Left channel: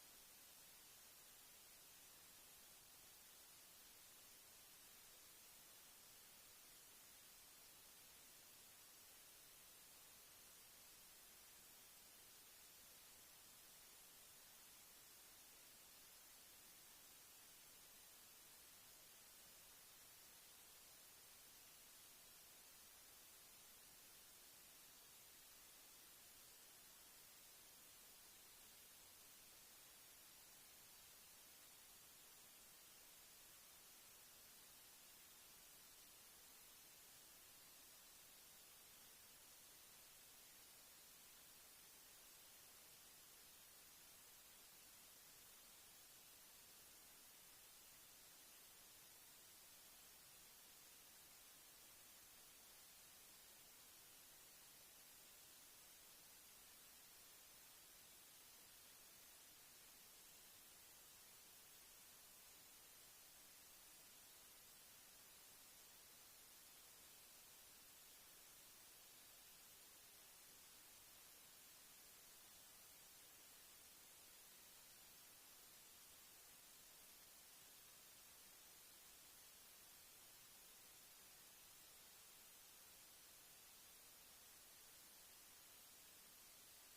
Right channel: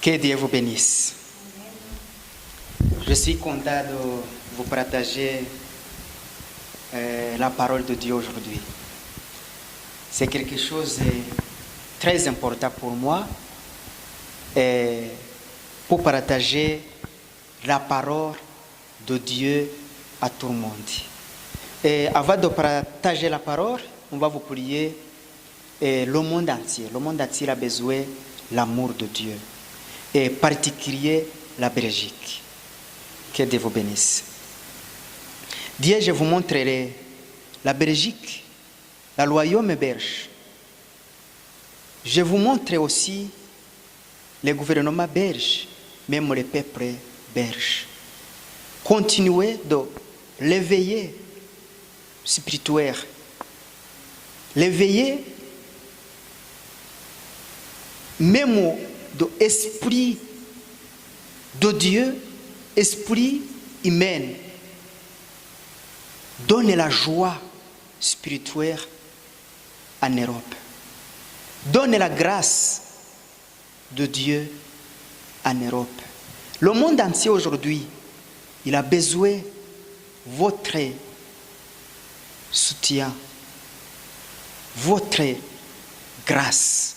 Que Dieu vous bénisse. Je suis content de vous partager la parole de Dieu aujourd'hui. C'est quelque chose de très important pour moi pour partager la parole de Dieu à tout le monde. Et avant de partager la parole, on va vous prier. Le monde entier a besoin de l'amour de Dieu. Et particulier la Belgique. Que Dieu vous bénisse. Dieu, je vous montrerai la Belgique, le royaume belge. Je vous montre aussi le gouvernement belge, même le peuple belge. Continuez de l'éveiller spirituel, l'éveiller même de l'esprit de Dieu, esprit humain. Donne la joie spirituelle en Europe. Donne la grâce de Dieu en Europe. Le monde entier aujourd'hui, il a besoin de votre soutien, votre grâce.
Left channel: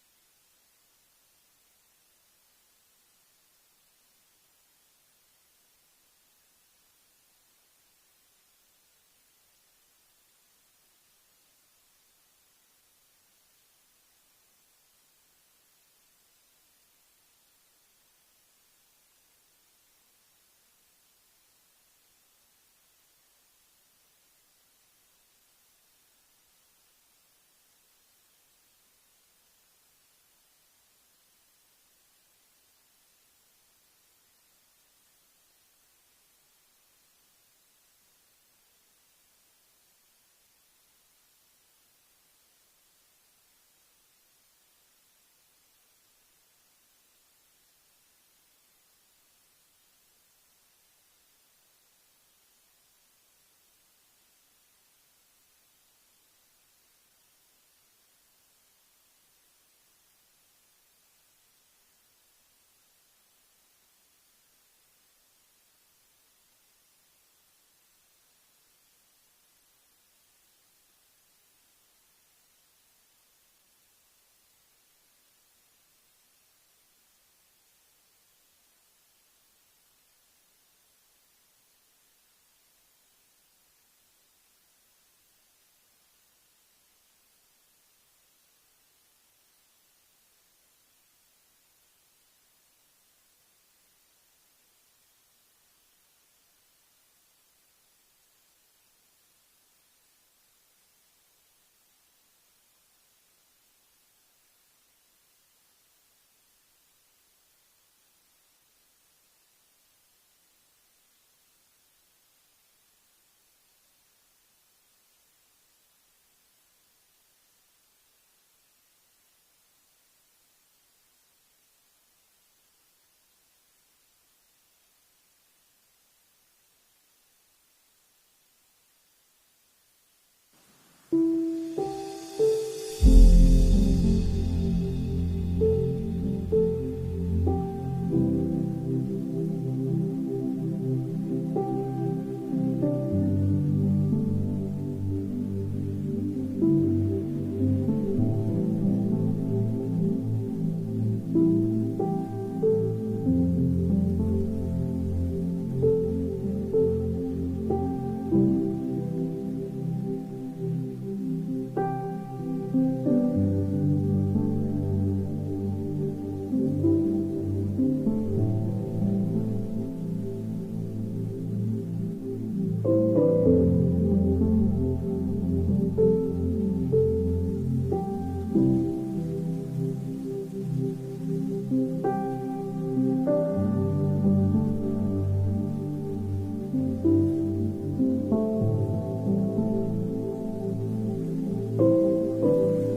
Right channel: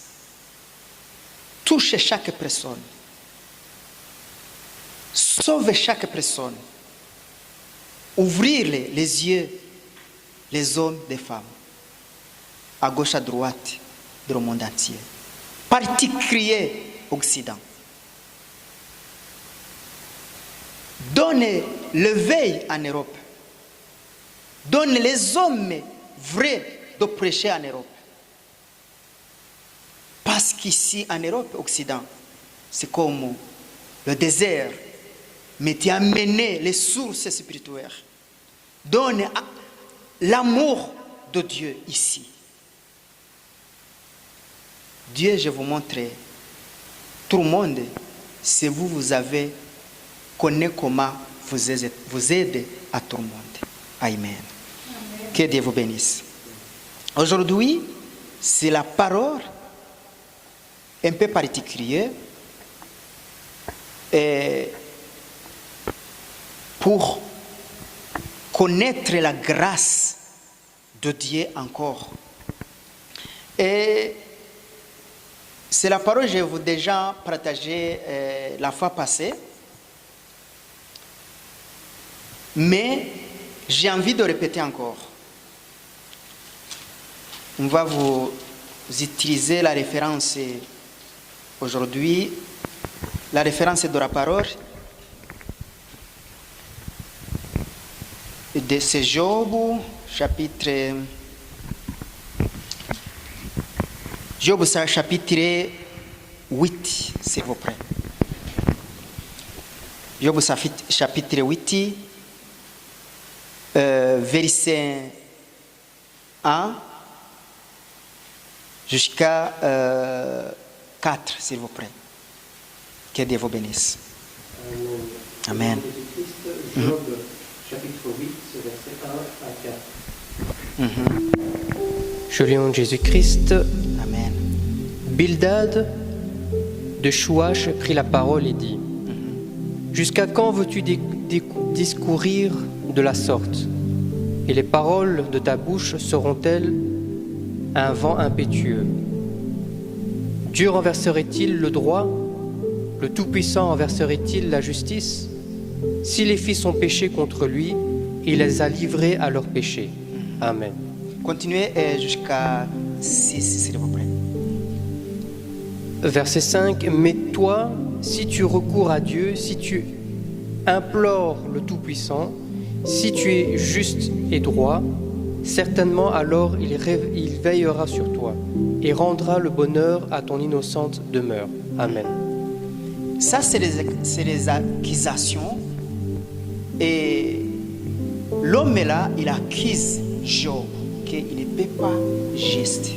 Touchez chaque personne. Sauvez chaque personne. Ouvrir les yeux, les hommes, les femmes, à gauche, à droite, dans le monde entier. Particulier Occident. Donnez l'éveil en Europe. Donnez les hommes vrais de prêcher en Europe. Parce qu'ici, en Europe, Occident, c'est comme le désert, mais tu as amené les sources spirituelles. Donne l'amour de Dieu ici. Dieu, je vous montre, tout le monde, si vous avez connu comment vous aider à tout le monde. Amen. Amen. Que Dieu vous bénisse. Aujourd'hui, c'est la parole un peu particulière pour connaître la grâce de Dieu encore. Et c'est la parole que je vous ai déjà partagée la fois passée. Mais j'ai envie de répéter encore. On va vous utiliser la référence aujourd'hui, la référence de la parole. De ce Job, chapitre 8, s'il vous plaît. Job chapitre 8, verset 1 jusqu'à 4, s'il vous plaît. Que Dieu vous bénisse. Amen. Job, chapitre 8, verset 1 à 4. Je lis en Jésus-Christ. Amen. Bildad de Chouach prit la parole et dit: Jusqu'à quand veux-tu discourir de la sorte? Et les paroles de ta bouche seront-elles un vent impétueux? Dieu renverserait-il le droit? Le Tout-Puissant renverserait-il la justice? Si les fils ont péché contre lui, il les a livrés à leur péché. Amen. Continuez jusqu'à 6, s'il vous plaît. Verset 5. Mais toi, si tu recours à Dieu, si tu implores le Tout-Puissant, si tu es juste et droit, certainement alors il veillera sur toi et rendra le bonheur à ton innocente demeure. Amen. Ça, c'est les accusations. Et l'homme là, il accuse Job qu'il ne peut pas juste.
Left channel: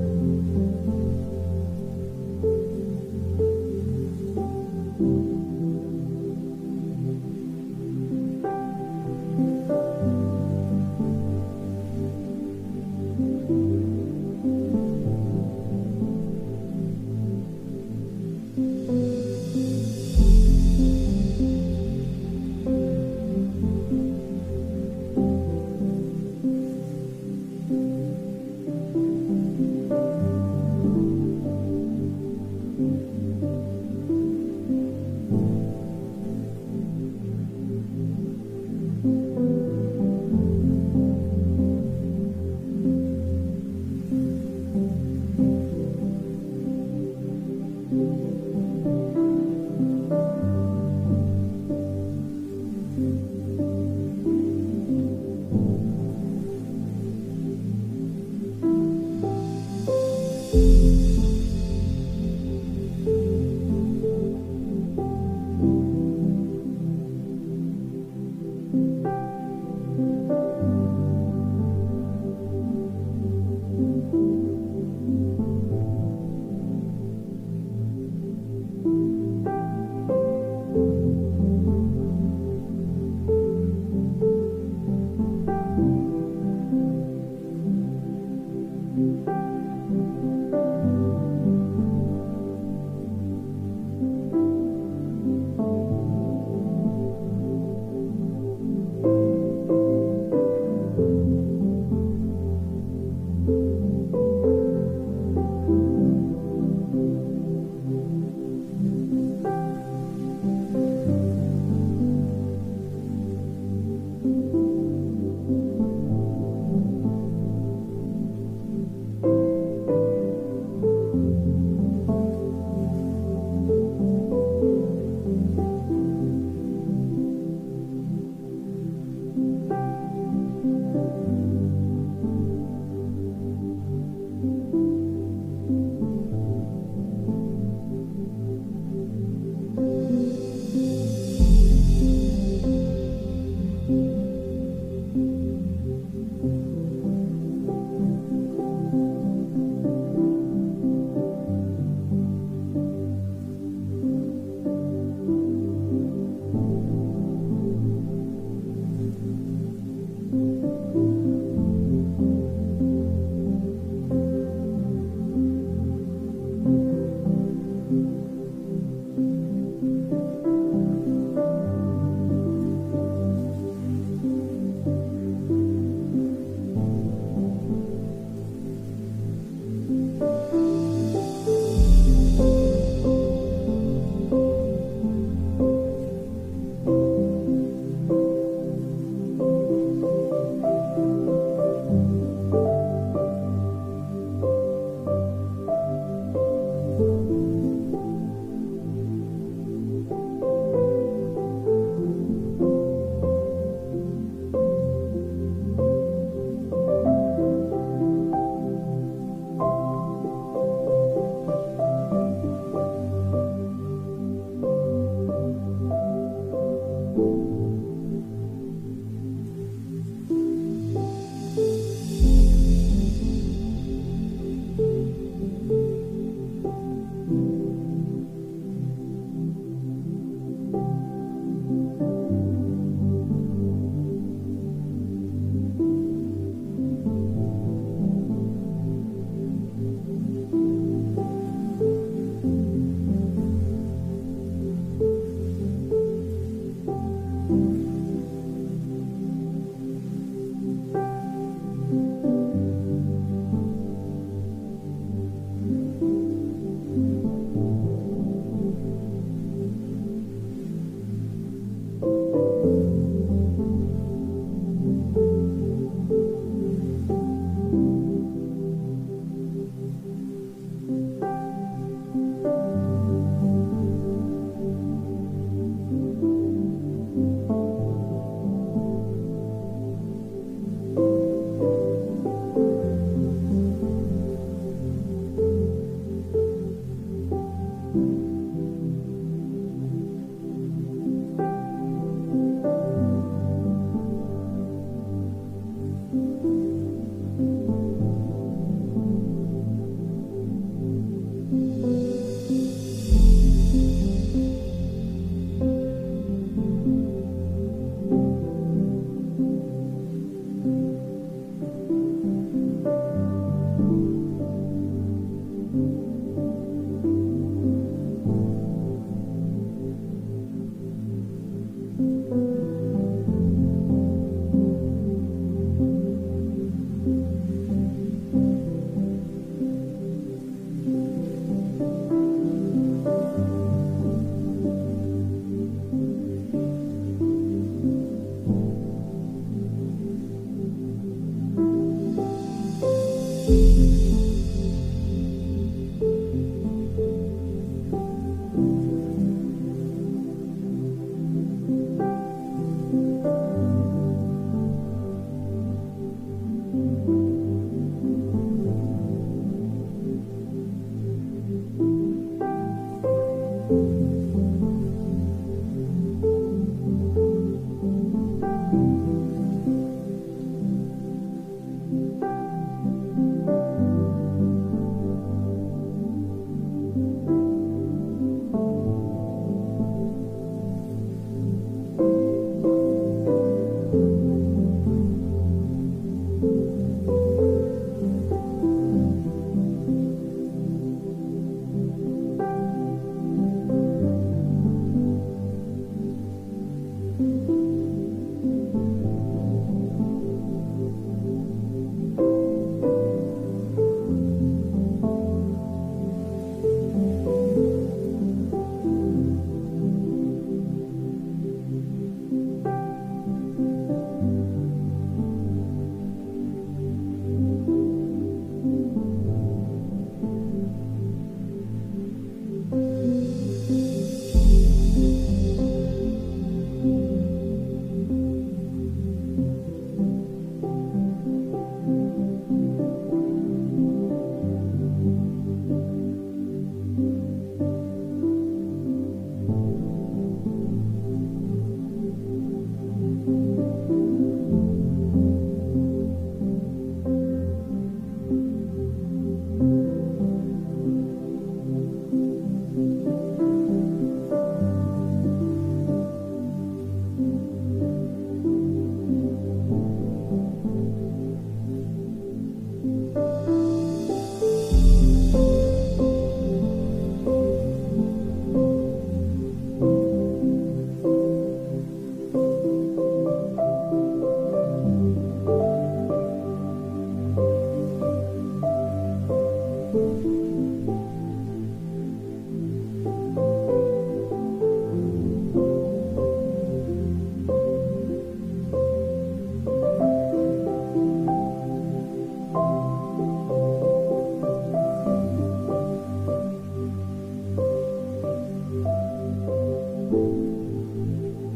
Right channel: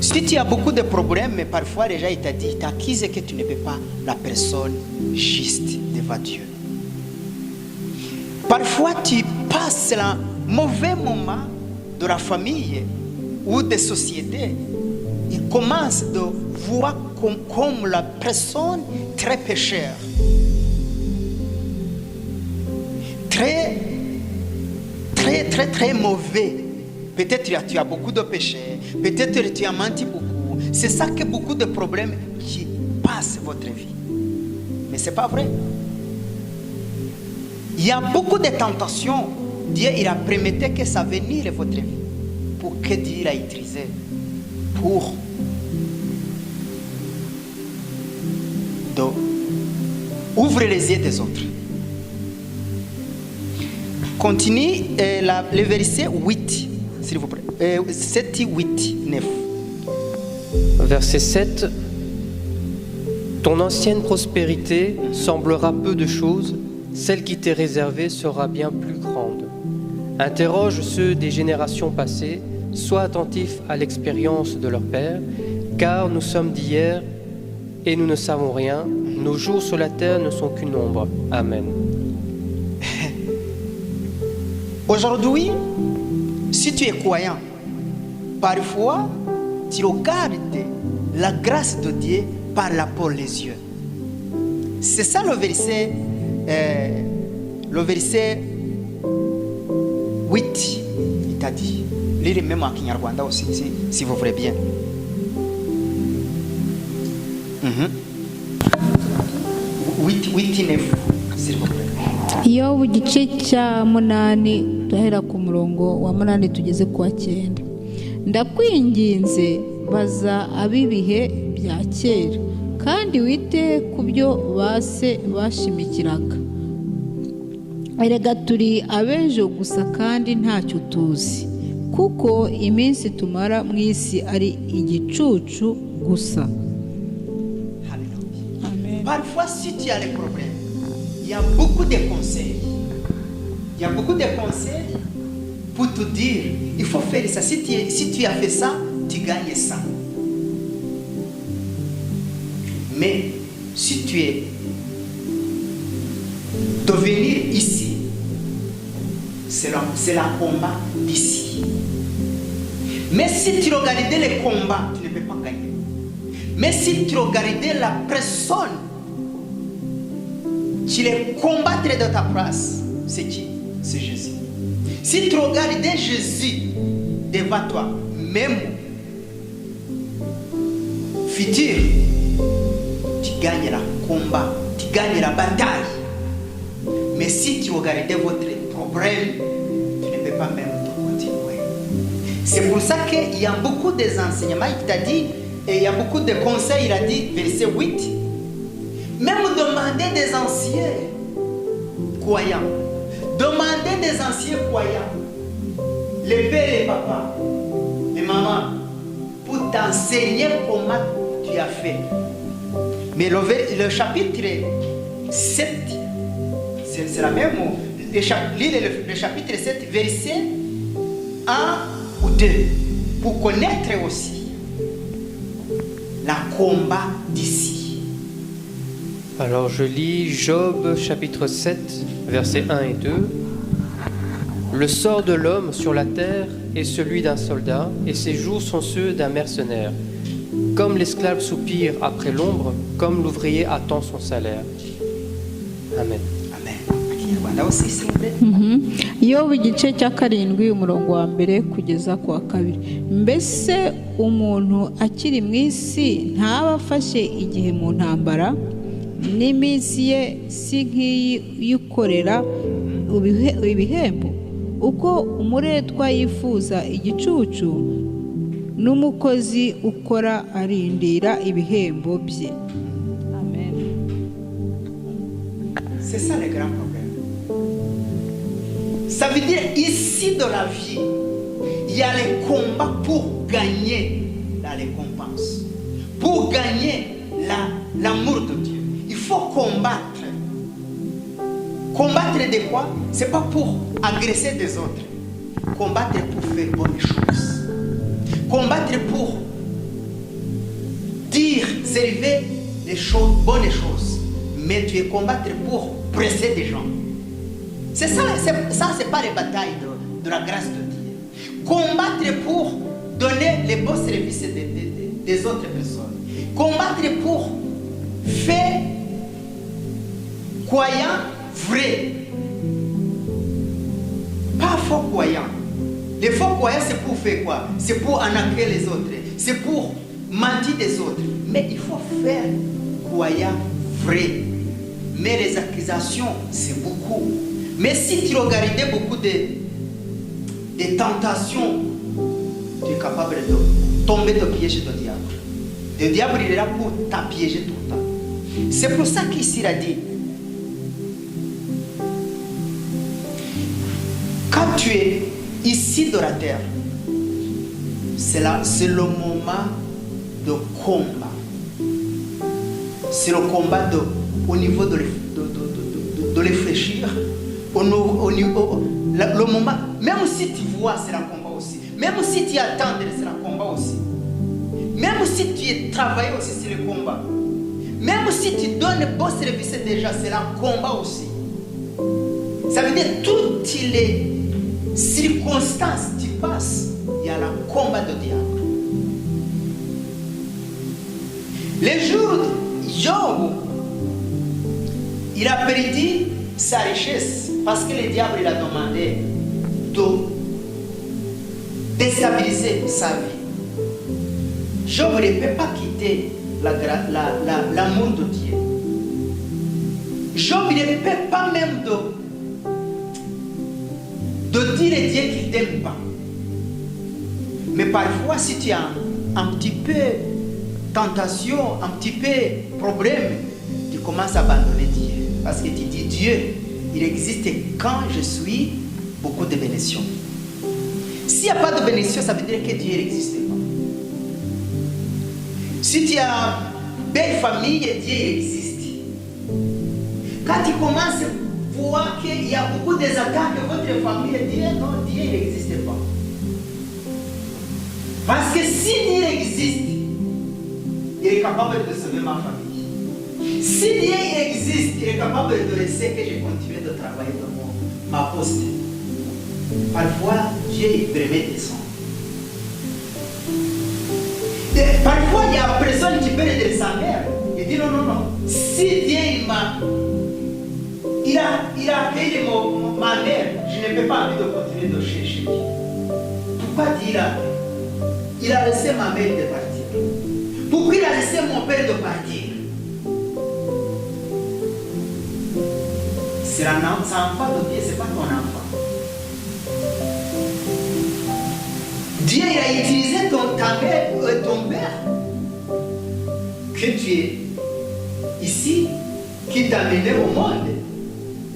Si tu as beaucoup de problèmes, mais parfois déjà il t'a dit, il t'accuse que tu ne peux pas la personne juste devant Dieu. Parfois tu passes un mauvais moment de la famille ou des sociétés. Il commence de voir comme la personne très pécheur, très, très, très, très mauvais. Peut-être tu as beaucoup de péchés, peut-être tu as menti beaucoup. C'est ça que beaucoup de problèmes qui passent votre vie. Mais ce n'est pas vrai. Il y a beaucoup de tentations. Dieu, il a permis que ça venir votre vie. Pour que Dieu l'a utilisé. Pour ouvrir les yeux des autres. Continue le verset 8, s'il vous plaît. 7, 8, 9. Verset 7. Ton ancienne prospérité semblera peu de choses, celle qui t'est réservée sera bien plus grande. Interroge ceux des générations passées, sois attentif à l'expérience de leur père, car nous sommes d'hier et nous ne savons rien, nos jours sur la terre ne sont qu'une ombre. Amen. Aujourd'hui, si tu es croyant, parfois tu regardes la grâce de Dieu par la peau les yeux. C'est ça le verset 8, il t'a dit. Lisez même en Kinyarwanda aussi, si vous voulez bien. 8, 9, s'il vous plaît. Yobu igice cya munani duhera ku murongo wa munani tugeze ku wa 9. Ndakwinginze baza ab'ibihe bya kera kandi wite ku byo base bashimikiraga. Erega turi abejo gusa kandi ntacyo tuzi, kuko iminsi tumara mu isi ari igicucu gusa. Parfois, si tu as les problèmes, il y a beaucoup de conseils. Il y a beaucoup de conseils pour te dire, il faut faire ça. Si tu as fait ça, tu gagnes ça. Mais si tu es de venir ici, c'est la combat d'ici. Mais si tu regardais les combats, tu ne peux pas gagner. Mais si tu regardais la personne qui les combattrait de ta place, c'est qui? C'est Jésus. Si tu regardais Jésus devant toi, même futur, tu gagnes le combat, tu gagnes la bataille. Mais si tu regardais votre problème, tu ne peux pas même continuer. C'est pour ça qu'il y a beaucoup d'enseignements, il t'a dit, et il y a beaucoup de conseils, il a dit, verset 8, même demander des anciens croyants, demander des anciens croyants, les pères, les papas, les mamans, pour t'enseigner comment tu as fait. Mais le chapitre 7, c'est la même mot. Le chapitre 7, verset 1 ou 2, pour connaître aussi la combat d'ici. Alors je lis Job chapitre 7, versets 1 et 2. Le sort de l'homme sur la terre est celui d'un soldat, et ses jours sont ceux d'un mercenaire. Comme l'esclave soupire après l'ombre, comme l'ouvrier attend son salaire. Amen. Amen. Yobu igice cya 7 umurongo wa mbere kugeza ku wa 2. Mbese umuntu akiri mu isi ntaba afashe igihe mu ntambara, n'iminsi ye si nk'iyi yukorera ibihembo? Uko umuretwa yifuza igicucu, n'umukozi ukora arindira ibihembo bye. Amen. C'est ça le grand problème. Ça veut dire ici dans la vie, il y a les combats pour gagner la récompense, pour gagner l'amour de Dieu. Il faut combattre. Combattre de quoi? C'est pas pour agresser des autres. Combattre pour faire bonnes choses. Combattre pour dire, servir les choses, bonnes choses. Mais tu es combattre pour presser des gens. C'est ça, c'est pas les batailles de la grâce de Dieu. Combattre pour donner les bons services des autres personnes. Combattre pour faire croyant vrai. Pas faux croyant. Les faux croyants, c'est pour faire quoi? C'est pour arnaquer les autres. C'est pour mentir des autres. Mais il faut faire croyant vrai. Mais les accusations, c'est beaucoup. Mais si tu regardes beaucoup de tentations, tu es capable de tomber de piège du diable. Le diable, il est là pour t'appiéger tout le temps. C'est pour ça qu'ici, il a dit, quand tu es ici dans la terre, c'est le moment de combat. C'est le combat au niveau de réfléchir. Le moment, même si tu vois, c'est le combat aussi. Même si tu attends, c'est le combat aussi. Même si tu travailles aussi, c'est le combat. Même si tu donnes un bon service déjà, c'est le combat aussi. Ça veut dire toutes les circonstances tu passes, il y a le combat de diable. Les jours de Job, il a perdu sa richesse parce que le diable il a demandé de déstabiliser sa vie. Job ne peut pas quitter l'amour de Dieu. Job ne peut pas même de dire à Dieu qu'il ne t'aime pas. Mais parfois, si tu as un petit peu tentation, un petit peu problème, tu commences à abandonner Dieu. Parce que tu dis, Dieu, il existe quand je suis beaucoup de bénédictions. S'il n'y a pas de bénédiction, ça veut dire que Dieu n'existe pas. Si tu as une belle famille, Dieu existe. Quand tu commences à voir qu'il y a beaucoup d'attaques de votre famille, Dieu, non, Dieu n'existe pas. Parce que si Dieu existe, il est capable de sauver ma famille. Si Dieu existe, il est capable de laisser que je continue de travailler dans ma poste. Parfois, Dieu il permet des sons. Parfois, il y a une personne qui peut aider sa mère. Il dit non, non, non. Si Dieu il a accueilli ma mère, je n'ai pas envie de continuer de chercher. Pourquoi Dieu il a laissé ma mère de partir? Pourquoi il a laissé mon père de partir? C'est l'enfant de Dieu, ce n'est pas ton enfant. Dieu il a utilisé ta mère et ton père que tu es ici, qui t'a amené au monde.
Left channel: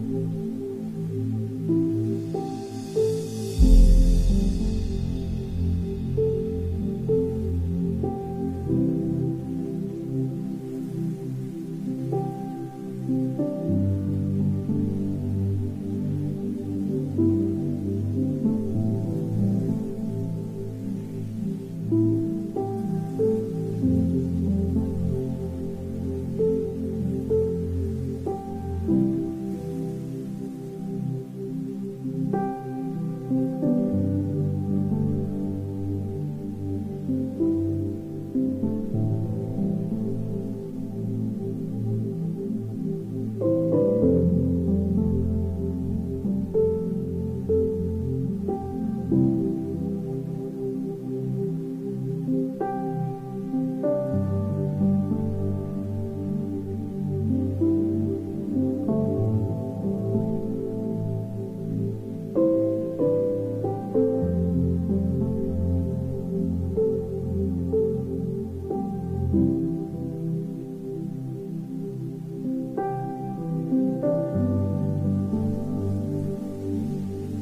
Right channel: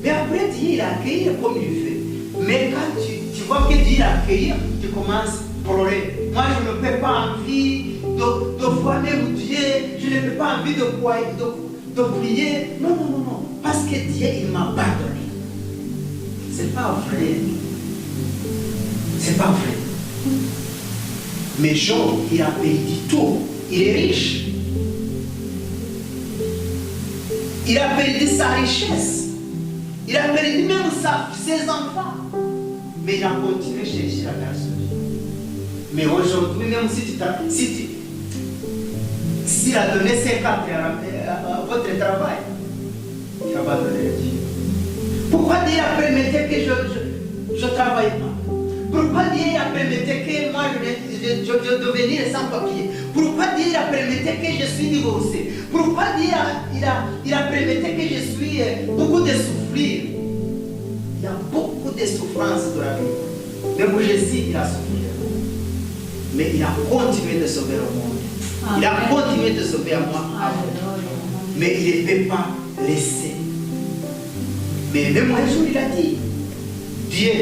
Mais après Dieu il a accueilli comme il fait. Mais quand tu vois que Dieu l'a accueilli, tu commences à pleurer. Moi je ne peux pas envie de voir même Dieu, je n'ai pas envie de prier. Non, non, non, non. Parce que Dieu il m'a pardonné. C'est pas vrai. C'est pas vrai. Mais Job, il a perdu tout. Il est riche. Il a perdu sa richesse. Il a perdu même ses enfants. Mais il a continué à chercher la grâce de Dieu. Mais aujourd'hui, même s'il a donné 50 à votre travail, il n'a pas donné Dieu. Pourquoi Dieu a permis que je ne travaille pas? Pourquoi Dieu a permis que moi je devienne sans papier? Pourquoi Dieu a permis que je suis divorcé? Pourquoi Dieu il a permis que je suis beaucoup de souffrir? Il y a beaucoup de souffrances dans la vie. Même Jésus, il a souffert. Mais il a continué de sauver le monde. Il a continué de sauver à moi. Mais il ne peut pas laisser. Mais même un jour, il a dit, Dieu,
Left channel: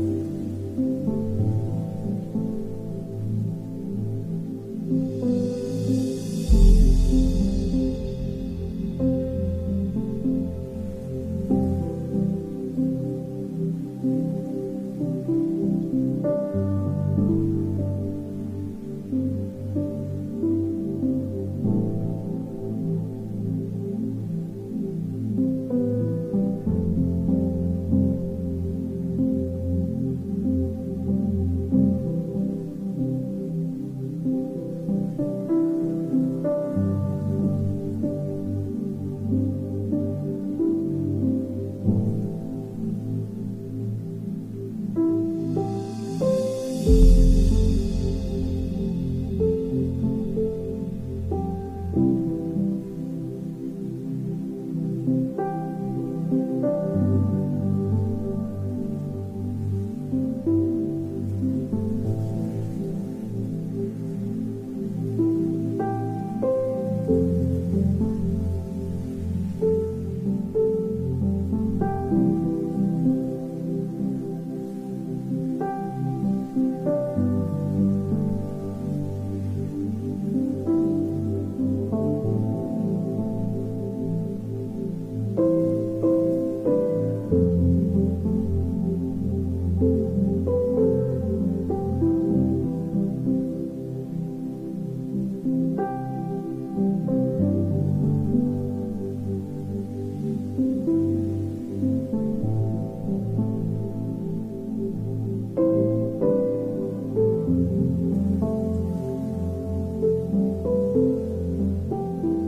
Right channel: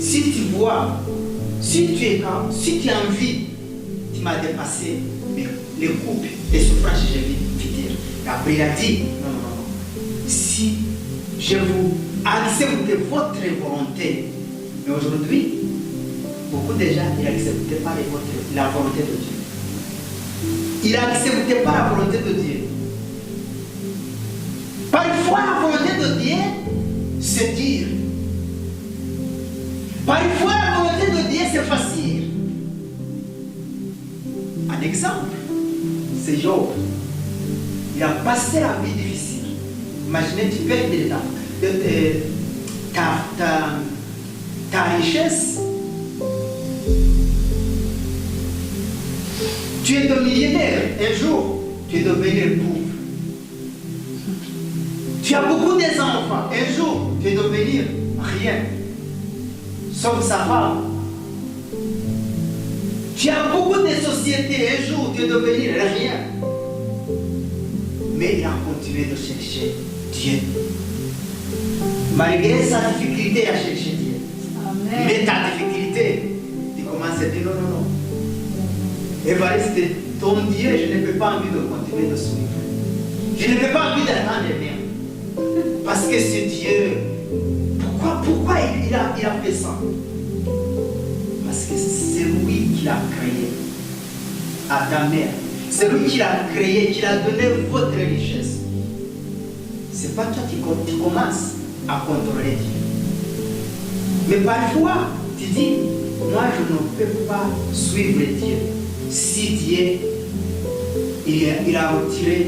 si tu vois, si tu as envie, tu m'as dépassé les groupes des souffrances que j'ai vécues. Après, il a dit, non, si je vous accepte votre volonté, mais aujourd'hui, beaucoup de gens n'acceptent pas la volonté de Dieu. Ils n'acceptent pas la volonté de Dieu. Parfois, la volonté de Dieu, c'est dire. Parfois, la volonté de Dieu, c'est facile. Un exemple. passer la vie difficile. Imaginez, tu perds ta richesse. Tu es devenu millionnaire, un jour, tu es devenu pauvre. Tu as beaucoup d'enfants, un jour, tu es devenu rien, sauf sa femme. Tu as beaucoup de sociétés, un jour, tu es devenu rien. Mais il a continué de chercher Dieu. Malgré sa difficulté à chercher Dieu. Amen. Mais ta difficulté, tu commences à dire non. Évariste, ton Dieu, je n'ai pas envie de continuer de suivre. Je n'ai pas envie d'attendre rien. Parce que ce Dieu, pourquoi il a fait ça? Parce que c'est lui qui l'a créé à ta mère. C'est lui qui l'a créé, qui l'a donné votre richesse. C'est pas toi qui commences à contrôler Dieu. Mais parfois, tu dis, moi je ne peux pas suivre Dieu. Si Dieu, il a retiré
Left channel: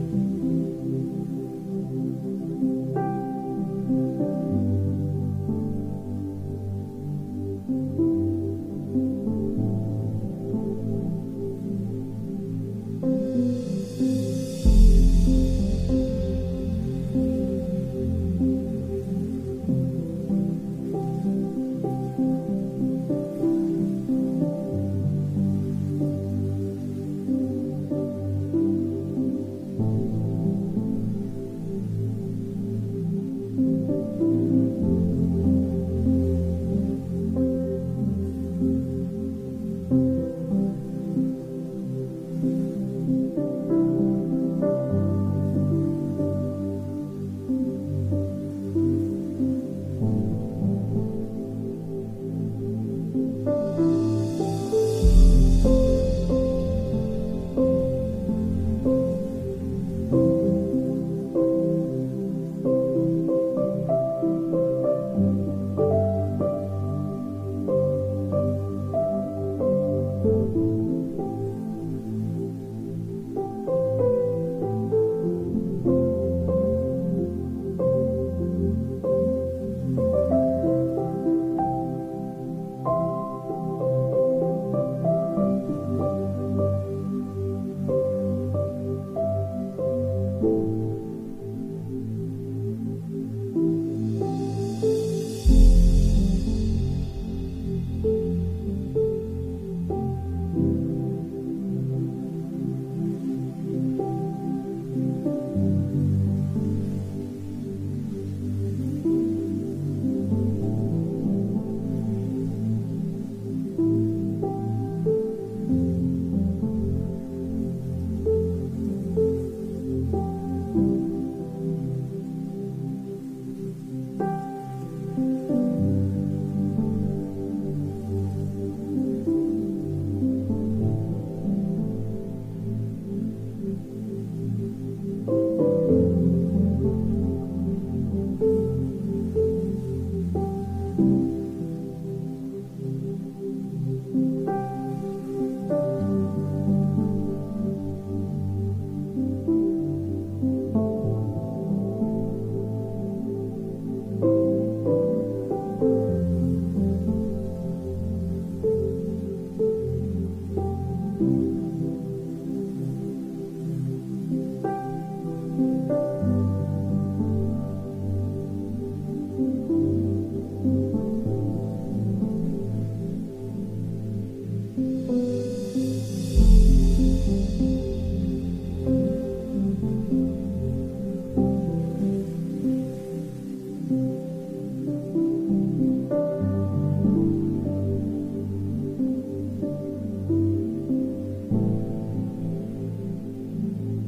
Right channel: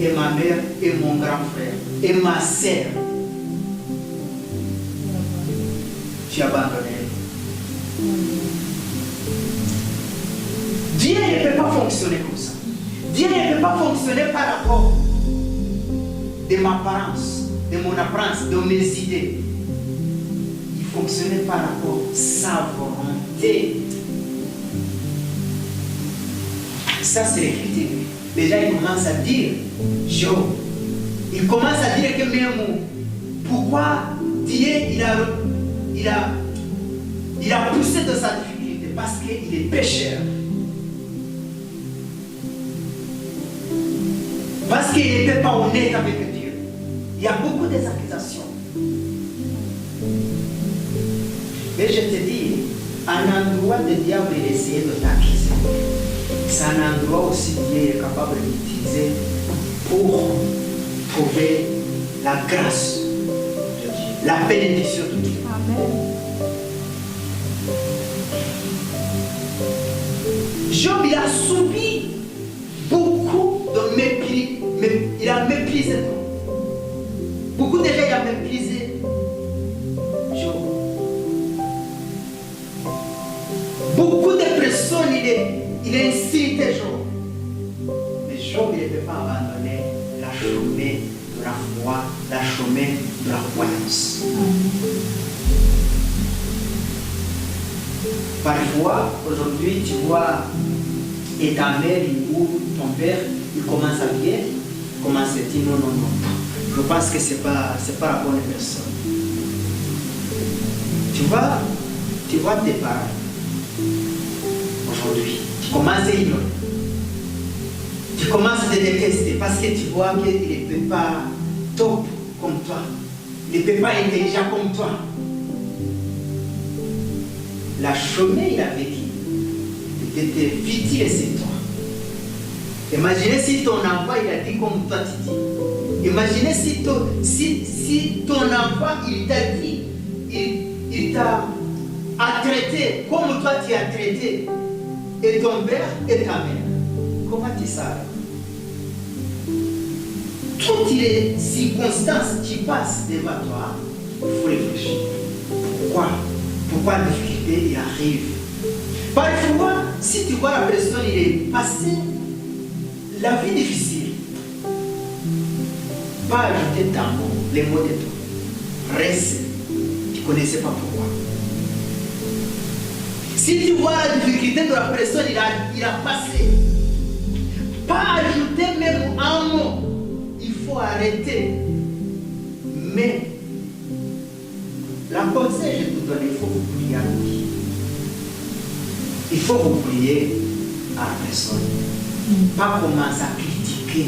et ma mère et mon grand frère et ma sœur, tu as abandonné. Dieu ne peut pas fonctionner comme ça. Dieu ne peut pas fonctionner par rapport de ma apparence, de mon apparence, de mes idées. Il fonctionnait par rapport à sa volonté. Ça, c'est l'écriture. Déjà, il commence à dire, Job, il commence à dire que même pourquoi Dieu, il a poussé de sa difficulté, parce qu'il est pécheur. Parce qu'il n'était pas honnête avec Dieu. Il y a beaucoup d'accusations. Mais je te dis, un endroit de diable essayer de t'accuser. C'est un endroit aussi Dieu est capable d'utiliser pour trouver la grâce de Dieu, la bénédiction de Dieu. Amen. Job, il a subi beaucoup de mépris, mais il a méprisé. Beaucoup de gens ont méprisé Job. Beaucoup de personnes, il a incité Job. Mais Job, il ne peut pas abandonner la chemin de la foi, la chemin de la croyance. Parfois, aujourd'hui, tu vois, et ta mère ou ton père, il commence à bien, il commence à dire non. Je pense que ce n'est pas la bonne personne. Tu vois tes parents. Aujourd'hui, tu commences à ignorer. Tu commences à te détester parce que tu vois qu'il ne peut pas top comme toi. Il ne peut pas intelligent comme toi. La chemin, il avait dit, il était futile, c'est toi. Imaginez si ton enfant, il a dit comme toi, tu dis. Imaginez si ton enfant, il t'a dit, il t'a traité comme toi tu as traité, et ton père et ta mère. Comment tu sais? Toutes les circonstances qui passent devant toi, il faut réfléchir. Pourquoi la difficulté arrive? Parfois, si tu vois la personne, il est passé la vie difficile, pas ajouter les mots de toi. Reste, tu ne connaissais pas pourquoi. Si tu vois la difficulté de la personne, il a passé, pas ajouter même un mot. Il faut arrêter. Mais la conseil, je te donne, il faut vous prier à lui. Il faut vous prier à la personne. Pas commencer à critiquer.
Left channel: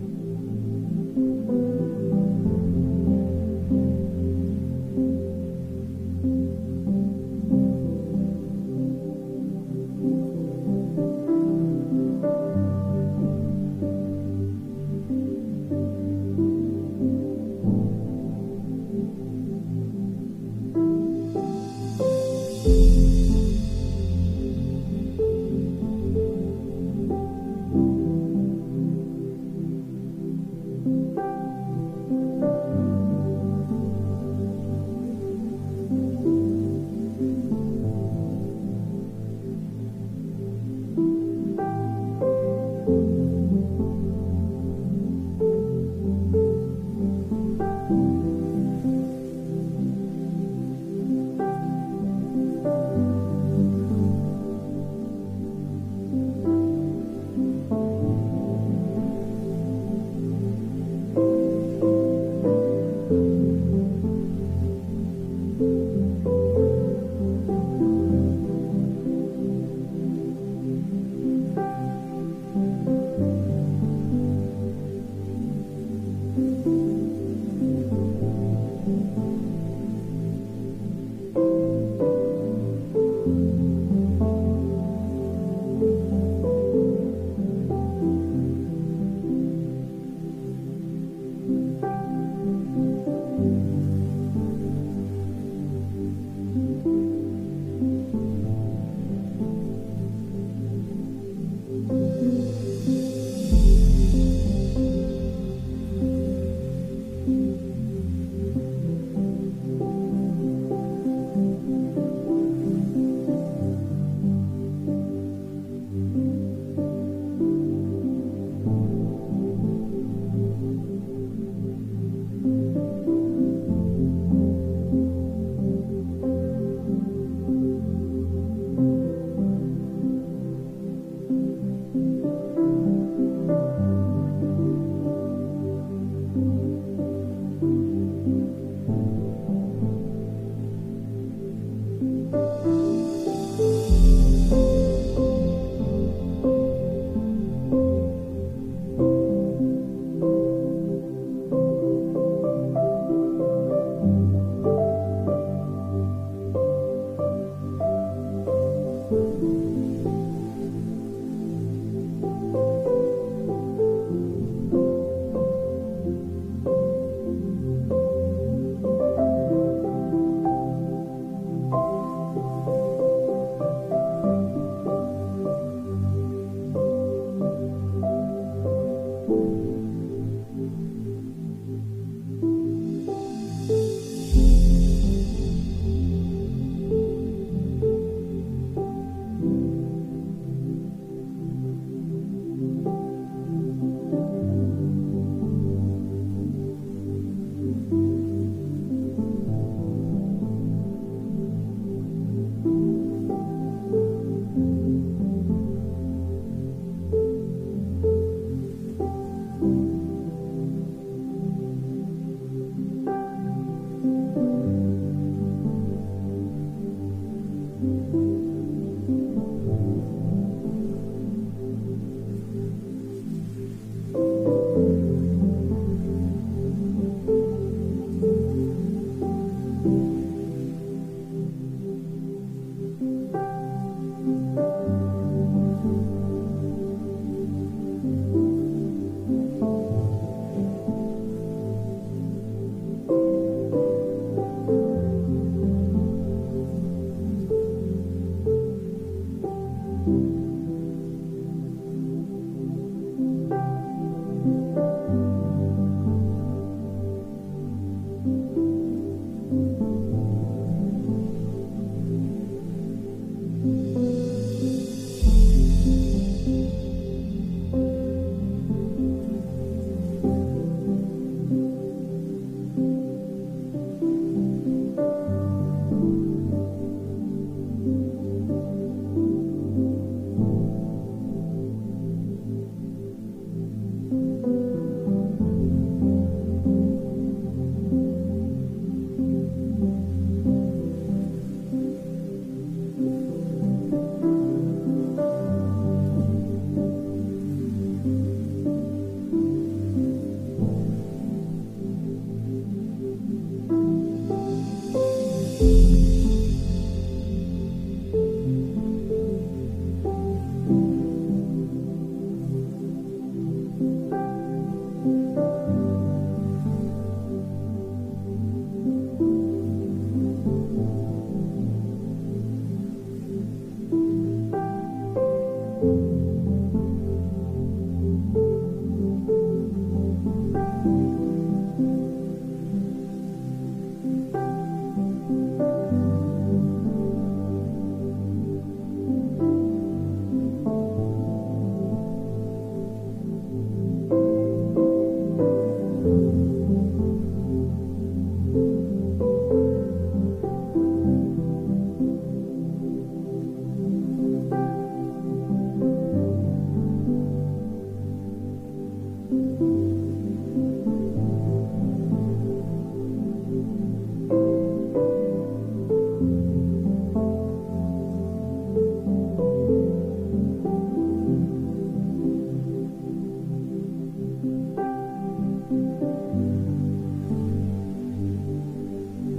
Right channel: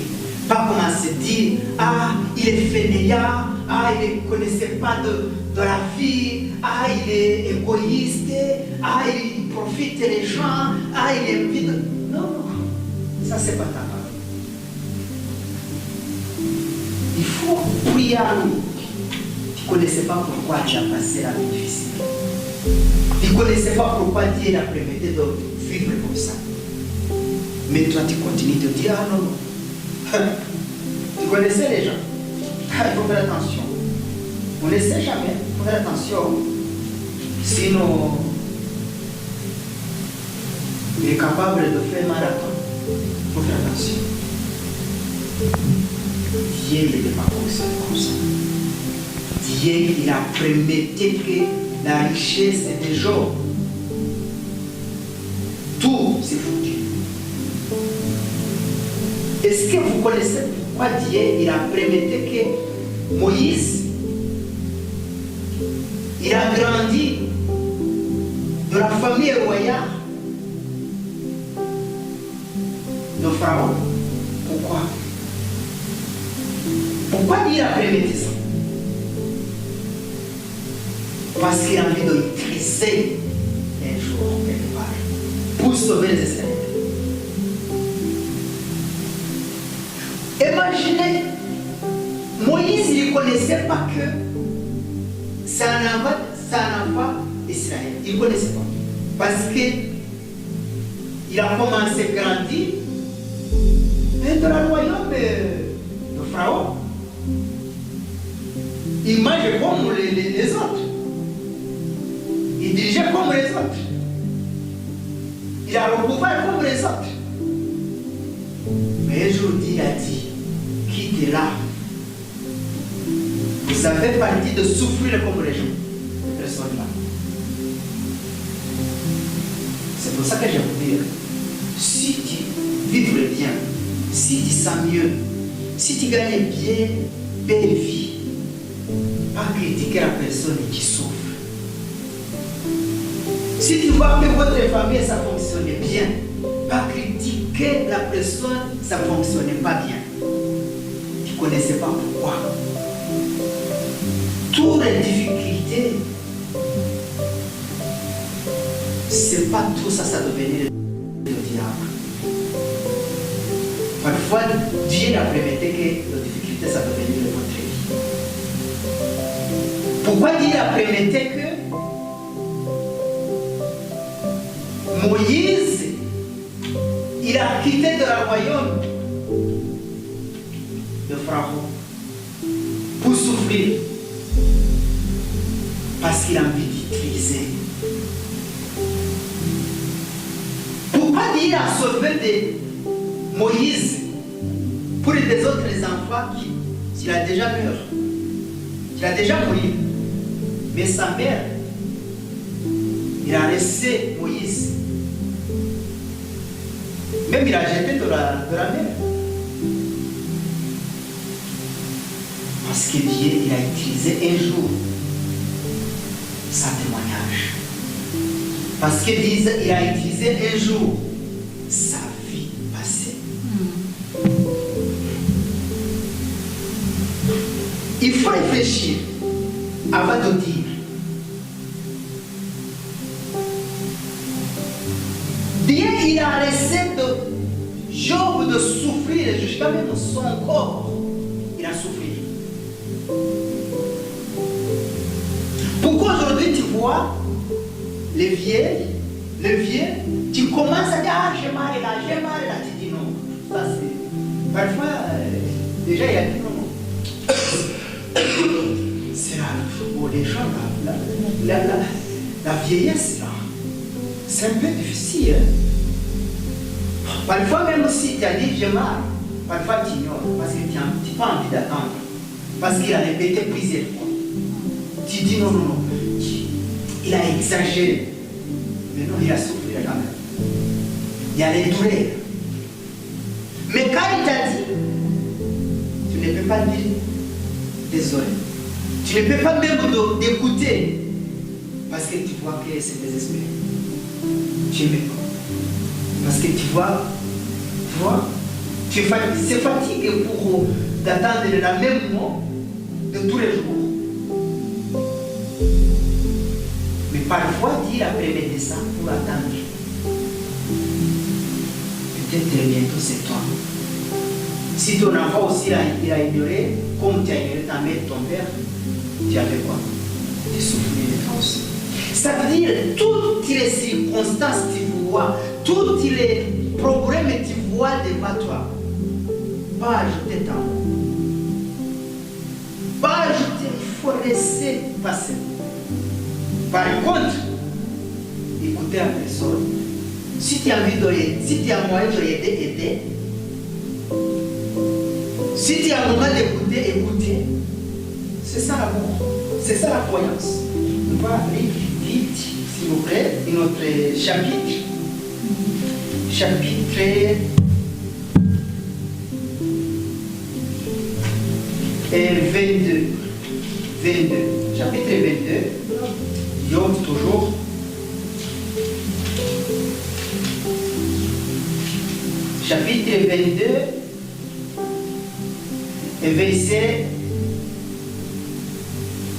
Pas commencer à dire, ah, il est fainéant, ah, il ne connaissait pas de la vie, ah, il est égoïste, ah, il profite des gens, ah, il est vide. Non, ça c'est pas ta part. Il faut prier à lui. Tu ne connaissais pas pourquoi tu as passé la vie difficile. Tu ne connaissais pas pourquoi Dieu t'a permis de vivre comme ça. Mais toi, tu continues de dire, ah non. connaissez les gens. Il faut faire attention. On ne sait jamais. Il faut faire attention. Sinon, il est capable de faire marathon. Il faut faire attention. Dieu n'était pas comme ça. Dieu, il a promis que la richesse des gens, tout c'est foutu. Est-ce que vous connaissez pourquoi Dieu il a promis que Moïse, il a grandi dans la famille royale de Pharaon? Pourquoi? Pourquoi Dieu a promis ça? Parce qu'il a envie de maîtriser un jour quelque part pour sauver les Israéliens. Imaginez, Moïse ne connaissait pas que c'est un enfant d'Israël. Il ne connaissait pas. Parce qu'il a commencé à grandir dans le royaume de Pharaon. Il mangeait comme les autres. Il dirigeait comme les autres. Il a le pouvoir comme les autres. Mais aujourd'hui, il a dit, quittez là. Vous avez parti de souffrir comme les gens. Les personnes là. C'est pour ça que je vous dis, si tu vis le bien, si tu sens mieux, si tu gagnes bien, belle vie, pas critiquer la personne qui souffre. Si tu vois que votre famille, ça fonctionne bien, pas critiquer la personne, ça ne fonctionne pas bien. Tu ne connaissais pas pourquoi. Toutes les difficultés, c'est pas tout ça, ça devenait le diable. Parfois, Dieu a permis que les difficultés, ça devenait votre vie. Pourquoi Dieu a permis que Moïse, il a quitté de le royaume de Pharaon pour souffrir parce qu'il a envie d'utiliser. Pourquoi Dieu a sauvé de Moïse pour les autres enfants qui a déjà mort, qui a déjà mouru, mais sa mère, il a laissé Moïse. Même il a jeté de la mer. Parce que Dieu il a utilisé un jour sa témoignage. Parce que Dieu il a utilisé un jour sa vie passée. Il faut réfléchir avant de dire. Dieu il a laissé Job de souffrir jusqu'à même son corps. Il a souffert. Pourquoi aujourd'hui tu vois les vieux, tu commences à dire ah j'ai mal là, tu dis non. Ça c'est. Parfois, déjà il y a dit non. C'est là pour les gens, la vieillesse là. C'est un peu difficile. Parfois, même si tu as dit j'ai mal, parfois tu ignores parce que tu n'as pas envie d'attendre. Parce qu'il a répété plusieurs fois. Tu dis non. Il a exagéré. Mais non, il a souffert quand même. Il a les douleurs. Mais quand il t'a dit, tu ne peux pas dire désolé. Tu ne peux pas même d'écouter. Parce que tu vois que c'est désespéré. Tu m'écoutes. Parce que tu vois, c'est fatigué pour d'attendre la même mot de tous les jours. Mais parfois, Dieu a permis ça pour attendre. Peut-être bientôt c'est toi. Si ton enfant aussi il a ignoré, comme tu as ignoré ta mère, ton père, tu as fait quoi? Tu souffrais de toi aussi. Ça veut dire toutes les circonstances que tu vois, tous les problèmes que tu vois devant toi, pas ajouter tant. tu as envie d'aider, si tu as moyen de l'aider, aider. Si tu as un moment d'écouter, écouter. C'est ça l'amour. C'est ça la croyance. On va aller vite, s'il vous plaît, notre chapitre. Chapitre 22. Chapitre 22. Job toujours. Chapitre 22. Et verset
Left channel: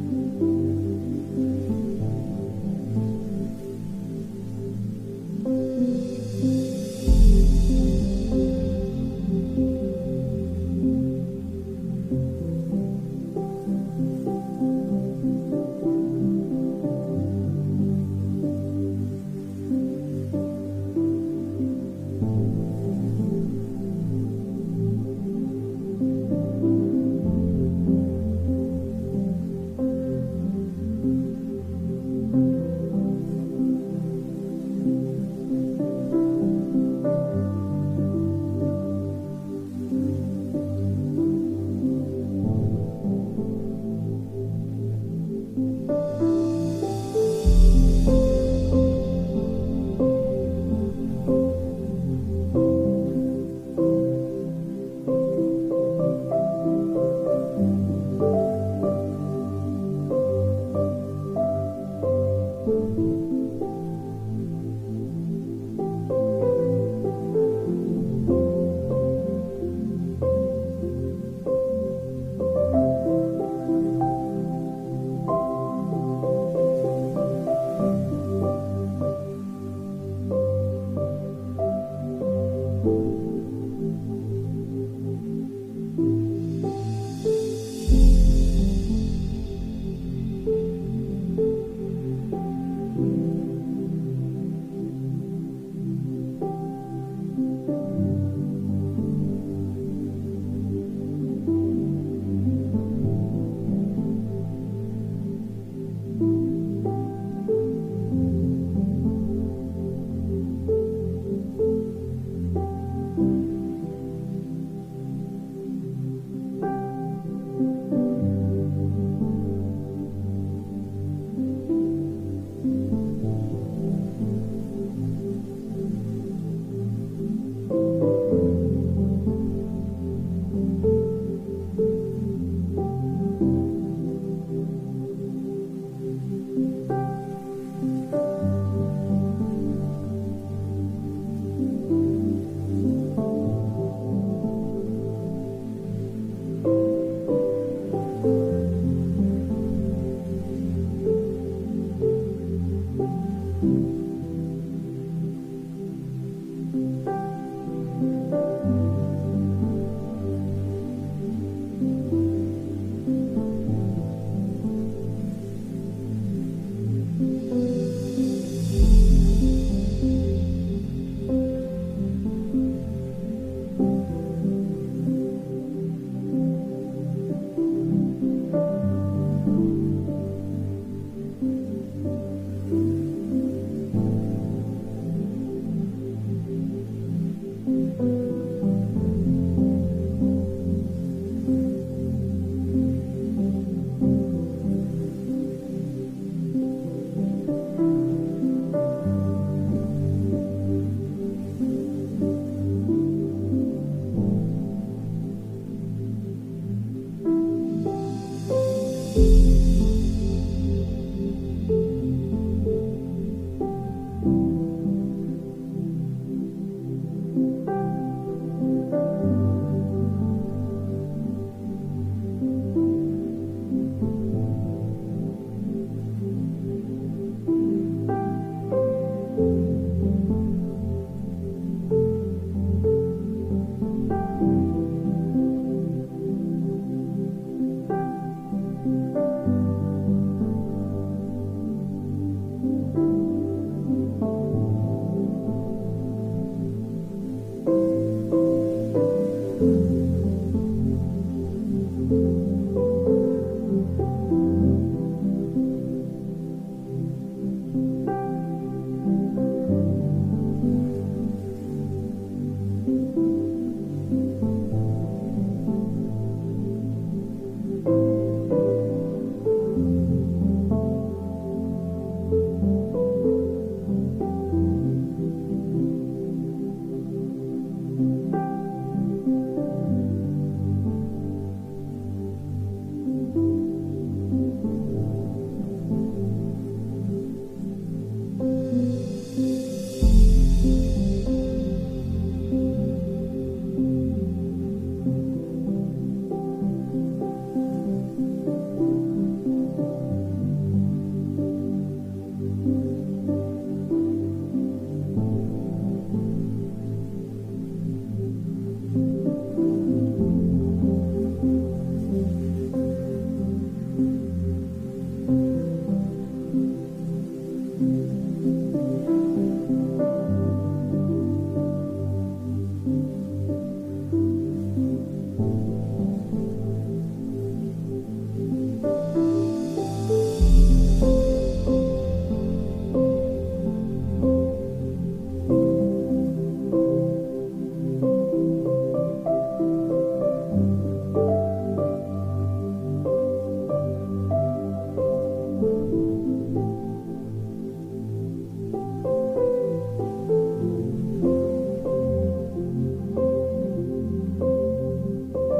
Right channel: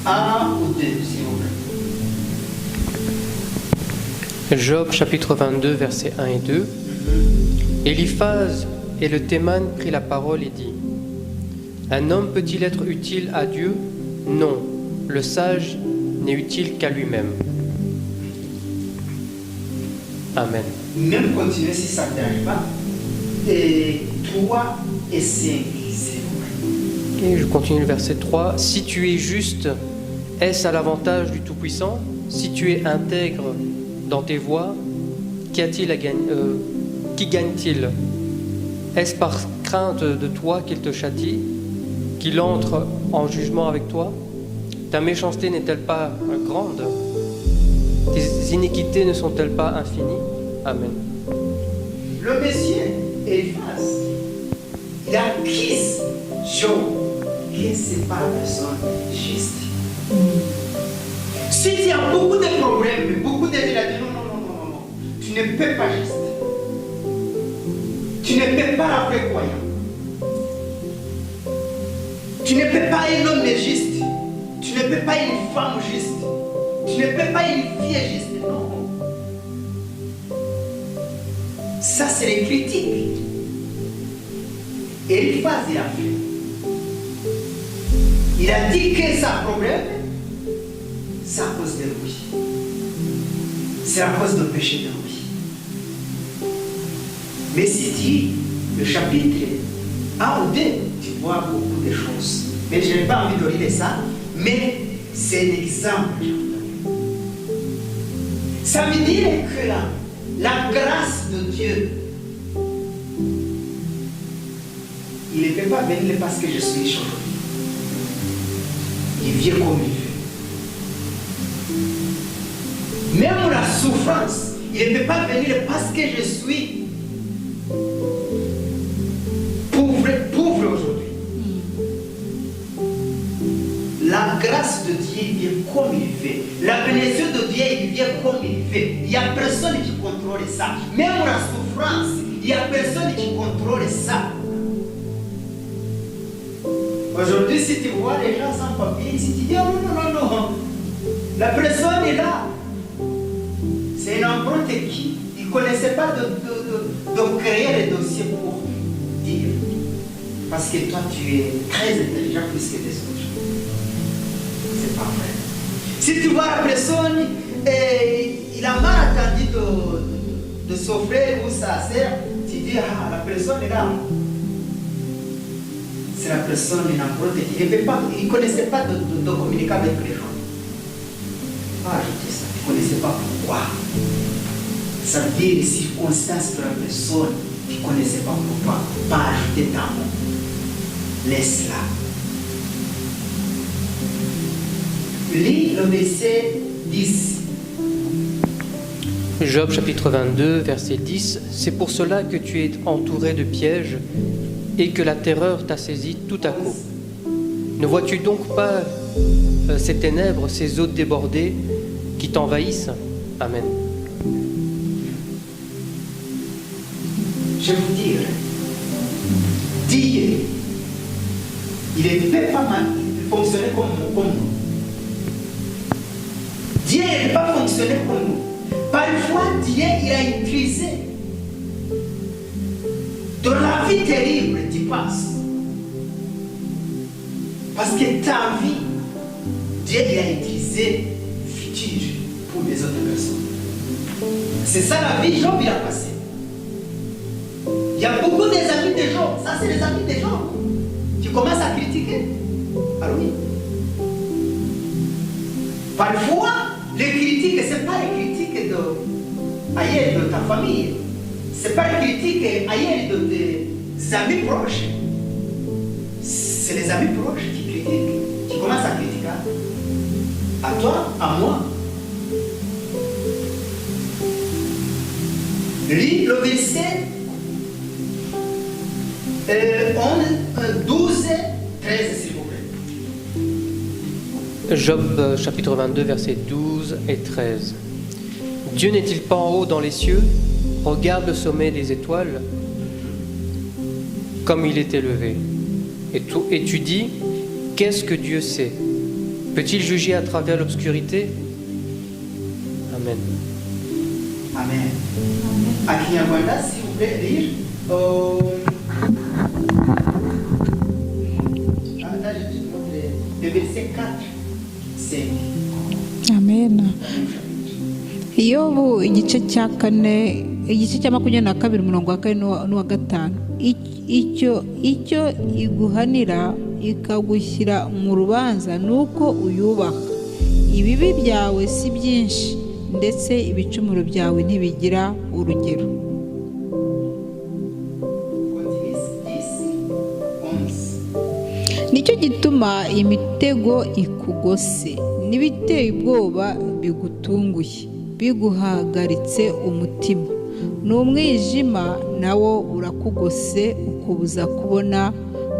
1 ou 2, s'il vous plaît. Job chapitre 22, versets 1 et 2. Eliphaz et le Théman prit la parole et dit: Un homme peut-il être utile à Dieu? Non, le sage n'est utile qu'à lui-même. Amen. Même continuer si ça ne t'arrive pas. Et 3 et 5, s'il vous plaît. Et je continue le verset 3. Si tu es juste, est-ce à l'avantage du Tout-Puissant? Si tu es intègre dans tes voies, qui gagne-t-il? Est-ce par crainte de toi qu'il te châtie, qu'il entre en jugement avec toi? Ta méchanceté n'est-elle pas grande? Tes iniquités ne sont-elles pas infinies? Amen. Le Messie, Eliphaz, il accuse Job que ce n'est pas la personne juste. Si tu as beaucoup de problèmes, beaucoup de gens disent non, tu ne peux pas juste. Tu ne peux pas la prévoyant. Tu ne peux pas un homme juste. Tu ne peux pas une femme juste. Tu ne peux pas une fille juste. Non. Ça, c'est les critiques. Et Eliphaz, il a fait. Il a dit que c'est un problème. C'est à cause de lui. C'est à cause du péché de lui. Mais si tu lis le chapitre 1 ou 2, tu vois beaucoup de choses. Mais je n'ai pas envie de lire ça, mais c'est un exemple. Ça veut dire que la grâce de Dieu, il ne peut pas venir parce que je suis aujourd'hui. Il vient comme il veut. Même la souffrance, il ne peut pas venir parce que je suis pauvre aujourd'hui. La grâce de Dieu vient comme il veut. La bénédiction de Dieu vient comme il veut. Il n'y a personne qui contrôle ça. Même la souffrance, il n'y a personne qui contrôle ça. Aujourd'hui, si tu vois les gens sans papier, si tu dis oh, non, la personne est là. C'est un emprunte qui ne connaissait pas de créer les dossiers pour dire. Parce que toi, tu es très intelligent plus que les autres. C'est pas vrai. Si tu vois la personne, il a mal attendu de s'offrir ou sa sœur, tu dis ah, la personne est là. C'est la personne qui ne connaissait pas de communiquer avec les gens. Ah, je dis ça, il ne connaissait pas pourquoi. Ça veut dire les circonstances de la personne qui ne connaissait pas pourquoi. Pas ajouter ta mot. Laisse-la. Lis le verset 10. Job chapitre 22, verset 10. C'est pour cela que tu es entouré de pièges et que la terreur t'a saisi tout à coup. Ne vois-tu donc pas ces ténèbres, ces eaux débordées qui t'envahissent? Amen. Je vous dire, Dieu, il ne peut pas fonctionner comme nous. Dieu ne peut pas fonctionner comme nous. Parfois, Dieu, il a utilisé dans la vie terrible, tu passes. Parce que ta vie, Dieu, il a utilisé futur pour les autres personnes. C'est ça la vie, Job, il a passé. Il y a beaucoup des amis de Job. Ça, c'est les amis de Job. Tu commences à critiquer. Alors oui. Parfois, les critiques, ce n'est pas les critiques ailleurs de ta famille. c'est pas une critique ailleurs de tes amis proches. C'est les amis proches qui critiquent, qui commencent à critiquer. À toi, à moi. Lis le verset 12, 13, s'il vous plaît. Job chapitre 22, versets 12 et 13. Dieu n'est-il pas en haut dans les cieux? Regarde le sommet des étoiles, comme il est élevé. Et tu dis, qu'est-ce que Dieu sait? Peut-il juger à travers l'obscurité? Amen. Amen. À Kinyarwanda, s'il vous plaît, lire. Le verset 4, 5. amen. Yobu igice cya kane, igice cya 22 umurongo wa 4 n'uwa 5. Icyo iguhanira ikagushyira mu rubanza nuko uyubaha. Ibibi byawe si byinshi, ndetse ibicumuro byawe ntibigira urugero. Nicyo gituma imitego ikugose n'ibiteye ubwoba bigutunguye, biguhagaritse umutima. N'umwijima nawo urakugose ukubuza kubona,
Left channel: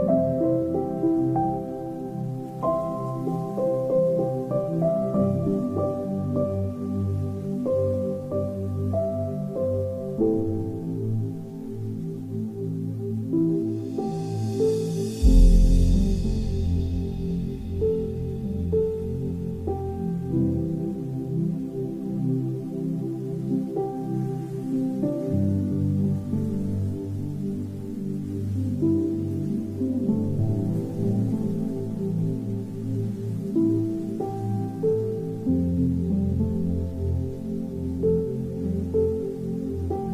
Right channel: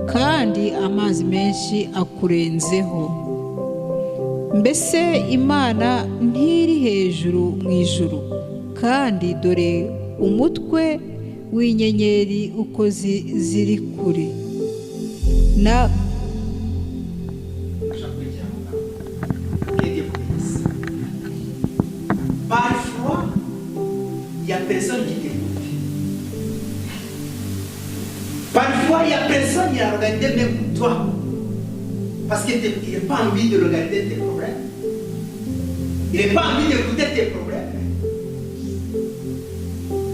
kandi amazi menshi akurenzeho. Mbese Imana ntiri hejuru mu ijuru? Kandi dore umutwe w'inyenyeri uko ziri kure. Parfois, il n'y a personne qui t'écoute. Parfois, il n'y a personne qui a regardé même toi. Parce qu'il n'a pas envie de regarder tes problèmes. Il n'a pas envie d'écouter tes problèmes.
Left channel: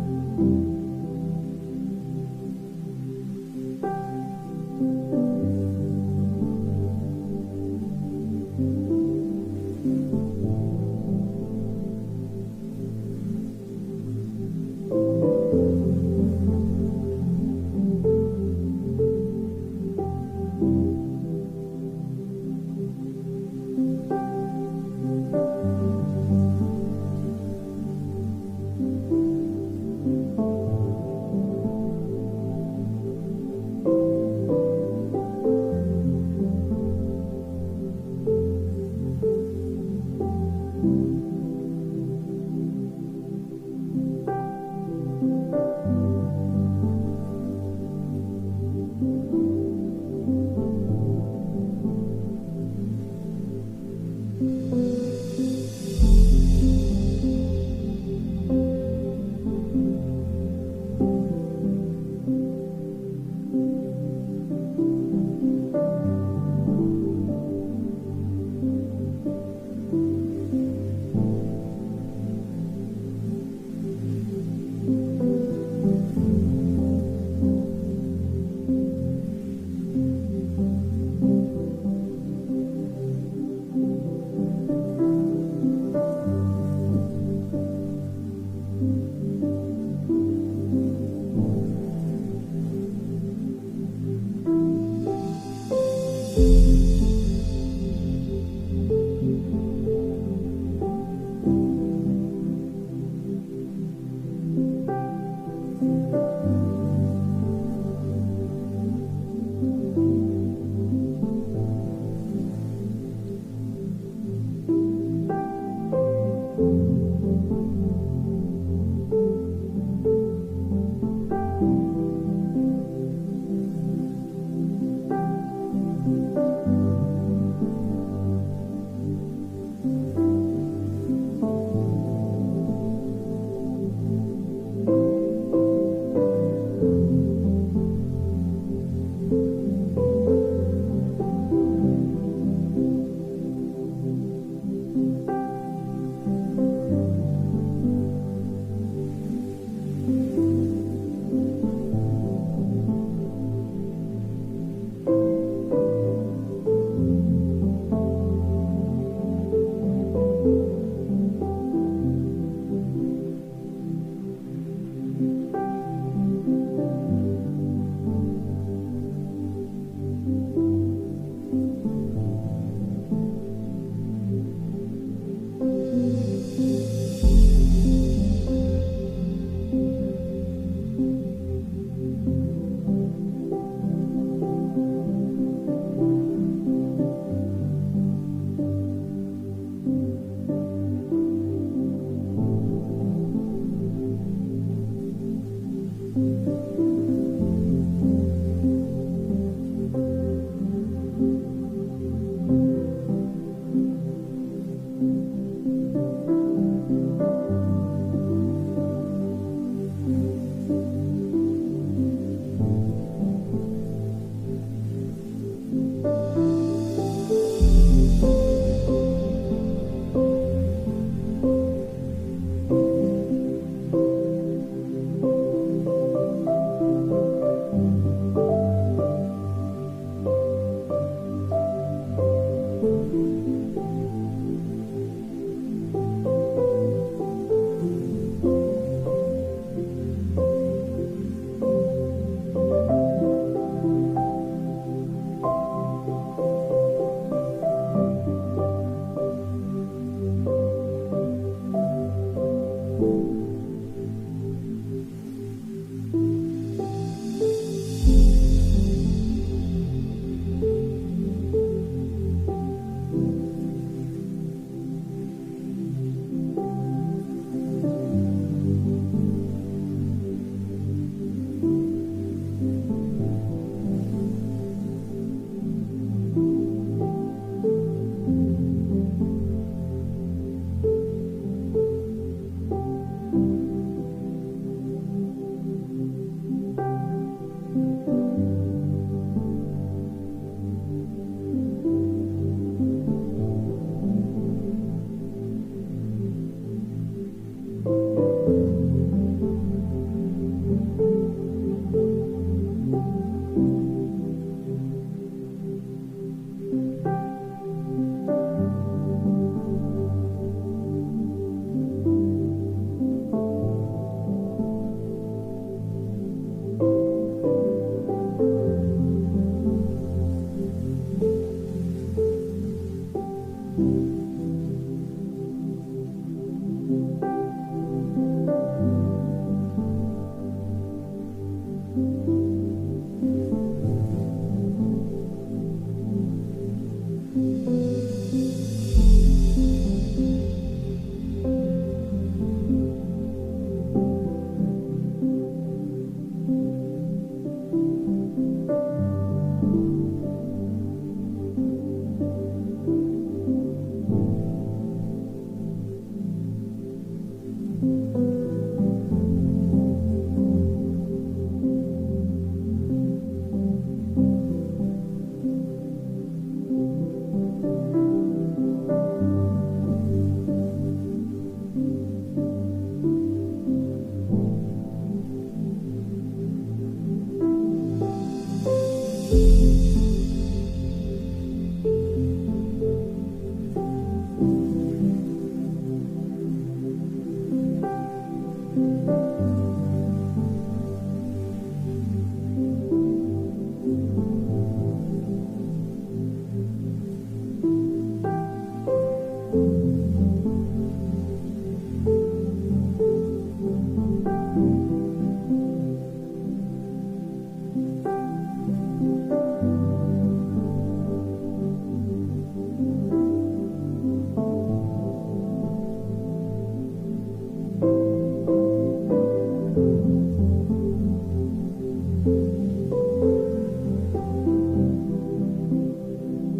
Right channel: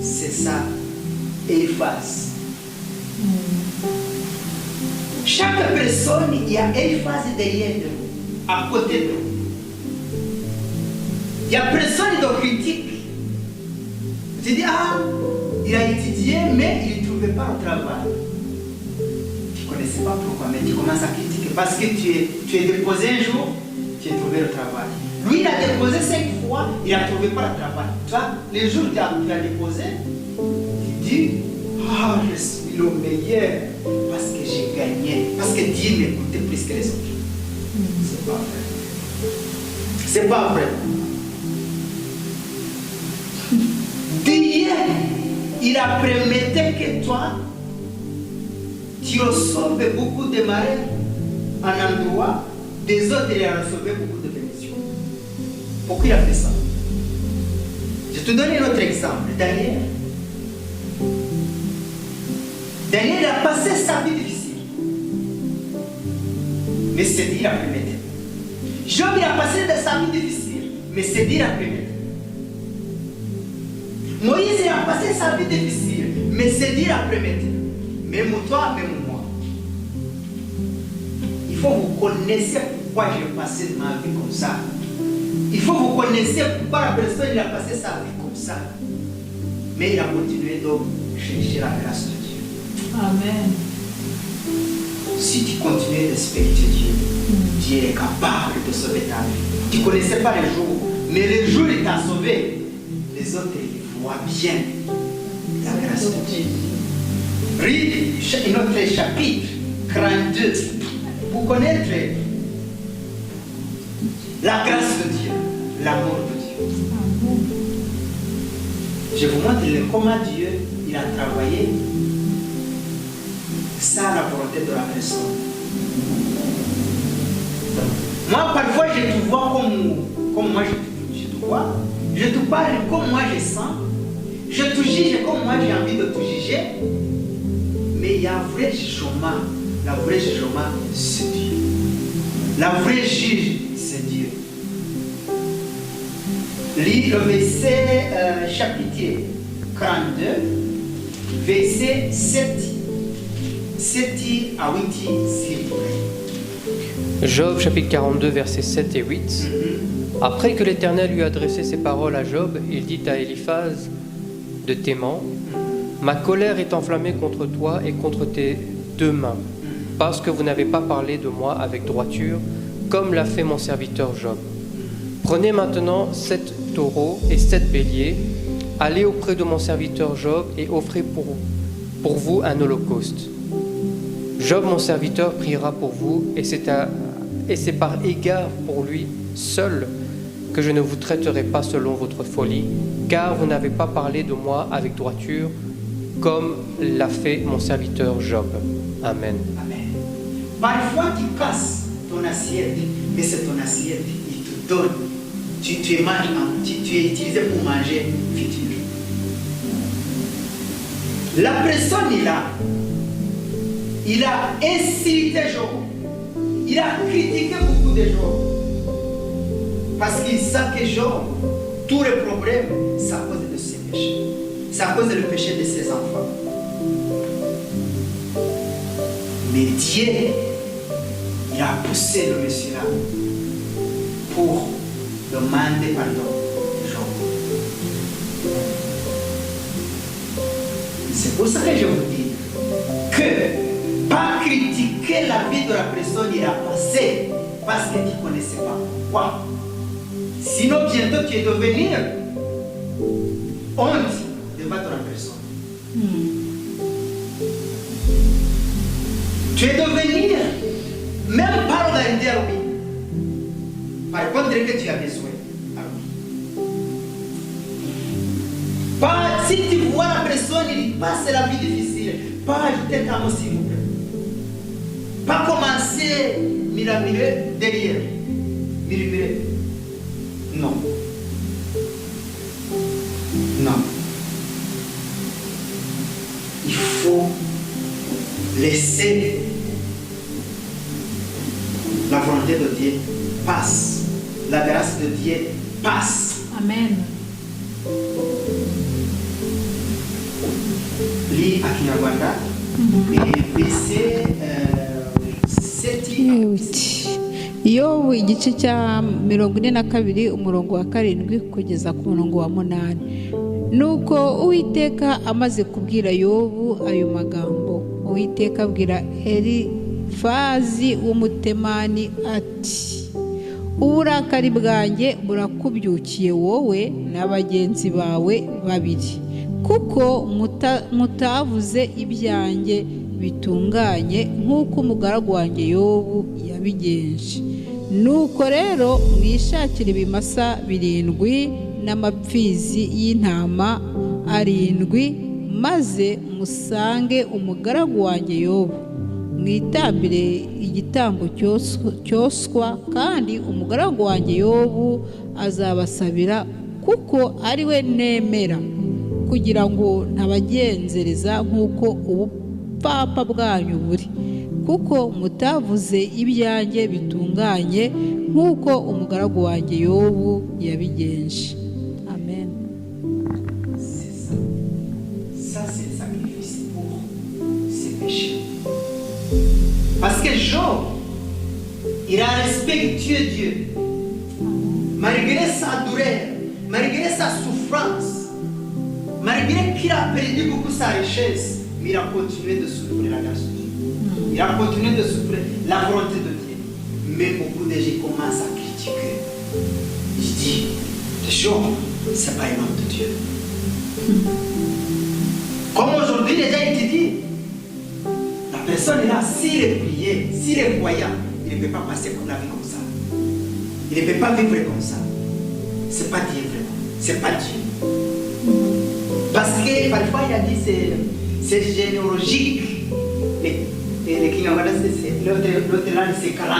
C'est ça, Eliphaz. Chaque personne, il y a Eliphaz derrière nous, à côté de nous. Il n'y a personne de critique. Tu dis, ah, il a étudié, mais il ne trouvait pas un travail. Tu ne connaissais pas pourquoi, mais tu commences à critiquer. Parce que tu es déposé un jour, tu as trouvé le travail. Lui, il a déposé 5 fois, il n'a trouvé pas le travail. Toi, les jours où tu as déposé, tu dis, ah, je suis le meilleur parce que j'ai gagné. Parce que Dieu m'écoutait plus que les autres. C'est pas vrai. C'est pas vrai. Dieu, il a permis que toi, tu reçoives beaucoup de malheurs en endroit, des autres, il a reçu beaucoup de bénédictions. Pourquoi il a fait ça? Je te donne un autre exemple. Daniel. Daniel a passé sa vie difficile. Mais c'est Dieu qui a permis. Job, il a passé sa vie difficile. Mais c'est Dieu qui a permis. Moïse, il a passé sa vie difficile. Mais c'est Dieu qui a permis. Même toi, même moi. Il faut que vous connaissiez pourquoi j'ai passé ma vie comme ça. Il faut que vous connaissiez pourquoi la personne il a passé sa vie comme ça. Mais il a continué de chercher la grâce de Dieu. Amen. Si tu continues de respecter Dieu, Dieu est capable de sauver ta vie. Tu ne connaissais pas les jours, mais le jour où il t'a sauvé, les autres ils voient bien la grâce de Dieu. Relis notre chapitre 42 pour connaître la grâce de Dieu, l'amour de Dieu. Je vous montre comment Dieu il a travaillé sans la volonté de la personne. Moi, parfois, je te vois comme moi je te vois. Je te parle comme moi je sens. Je te juge comme moi j'ai envie de te juger. Mais il y a un vrai jugement. Le vrai jugement, c'est Dieu. Le vrai juge, c'est Dieu. Lis le verset chapitre 42, verset 7 à 8, s'il vous plaît. Job chapitre 42 versets 7 et 8. Après que l'Éternel lui a adressé ces paroles à Job, il dit à Eliphaz de Théman, Ma colère est enflammée contre toi et contre tes 2 mains, parce que vous n'avez pas parlé de moi avec droiture, comme l'a fait mon serviteur Job. Prenez maintenant 7 taureaux et 7 béliers, allez auprès de mon serviteur Job et offrez pour vous un holocauste. Job, mon serviteur, priera pour vous, et c'est par égard pour lui seul que je ne vous traiterai pas selon votre folie, car vous n'avez pas parlé de moi avec droiture, comme l'a fait mon serviteur Job. Amen. Amen. Parfois, tu casses ton assiette, mais c'est ton assiette, il te donne. Tu es utilisé pour manger futur. La personne est là. Il a insulté Job. Il a critiqué beaucoup de Job. Parce qu'il sait que Job, tous les problèmes, c'est à cause de ses péchés. C'est à cause du péché de ses enfants. Mais Dieu, il a poussé le monsieur-là pour demander pardon à Job. C'est pour ça que je vous dis que pas critiquer la vie de la personne, il a passé parce que tu ne connaissais pas pourquoi. Sinon, bientôt tu es devenir honte devant la personne. Tu es devenir même pas organiser à lui. Par contre, que tu as besoin à lui. Pas si tu vois la personne, il passe la vie difficile. Pas ajouter ta mot s'il vous plaît. Pas commencer mirer derrière. Mirer. Non. Non. Il faut laisser la volonté de Dieu passe. La grâce de Dieu passe. Amen. Lis à Kinyarwanda et verset 7. Yobu igice cya 42 umurongo wa 7 kugeza ku murongo wa 8. Nuko Uwiteka amaze kubwira Yobu ayo magambo, Uwiteka abwira Elifazi w'umutemani ati: uburakari bwanjye burakubyukiye wowe n'abagenzi bawe babiri, kuko mutavuze ibyanjye bitunganye nk'uko umugaragu wanjye Yobu yabigenje. Nuko rero mwishakire ibimasa 7 n'amapfizi y'intama 7, maze musange umugaragu wanjye Yobu, mwitambire igitambo cyoswa, kandi umugaragu wanjye Yobu azabasabira, kuko ari we nemera, kugira ngo ntabagenzereza nk'uko ubupfapfa bwanyu buri, kuko mutavuze ibyanjye bitunganye nk'uko umugaragu wanjye Yobu yabigenje. Amen. Ça, c'est le sacrifice pour ses péchés. Parce que Job, il a respecté Dieu. Malgré sa douleur, malgré sa souffrance, malgré qu'il a perdu beaucoup sa richesse, mais il a continué de souffrir la grâce de Dieu. Il a continué de souffrir la volonté de Dieu. Mais beaucoup de gens commencent à critiquer. Je dis, Job, ce n'est pas un homme de Dieu. Comme aujourd'hui, les gens te disent, la personne est là, s'il est prié, s'il est croyant, il ne peut pas passer pour la vie comme ça. Il ne peut pas vivre comme ça. Ce n'est pas Dieu vraiment. Ce n'est pas Dieu. Parce que parfois il a dit c'est généalogique. L'autre là c'est 40.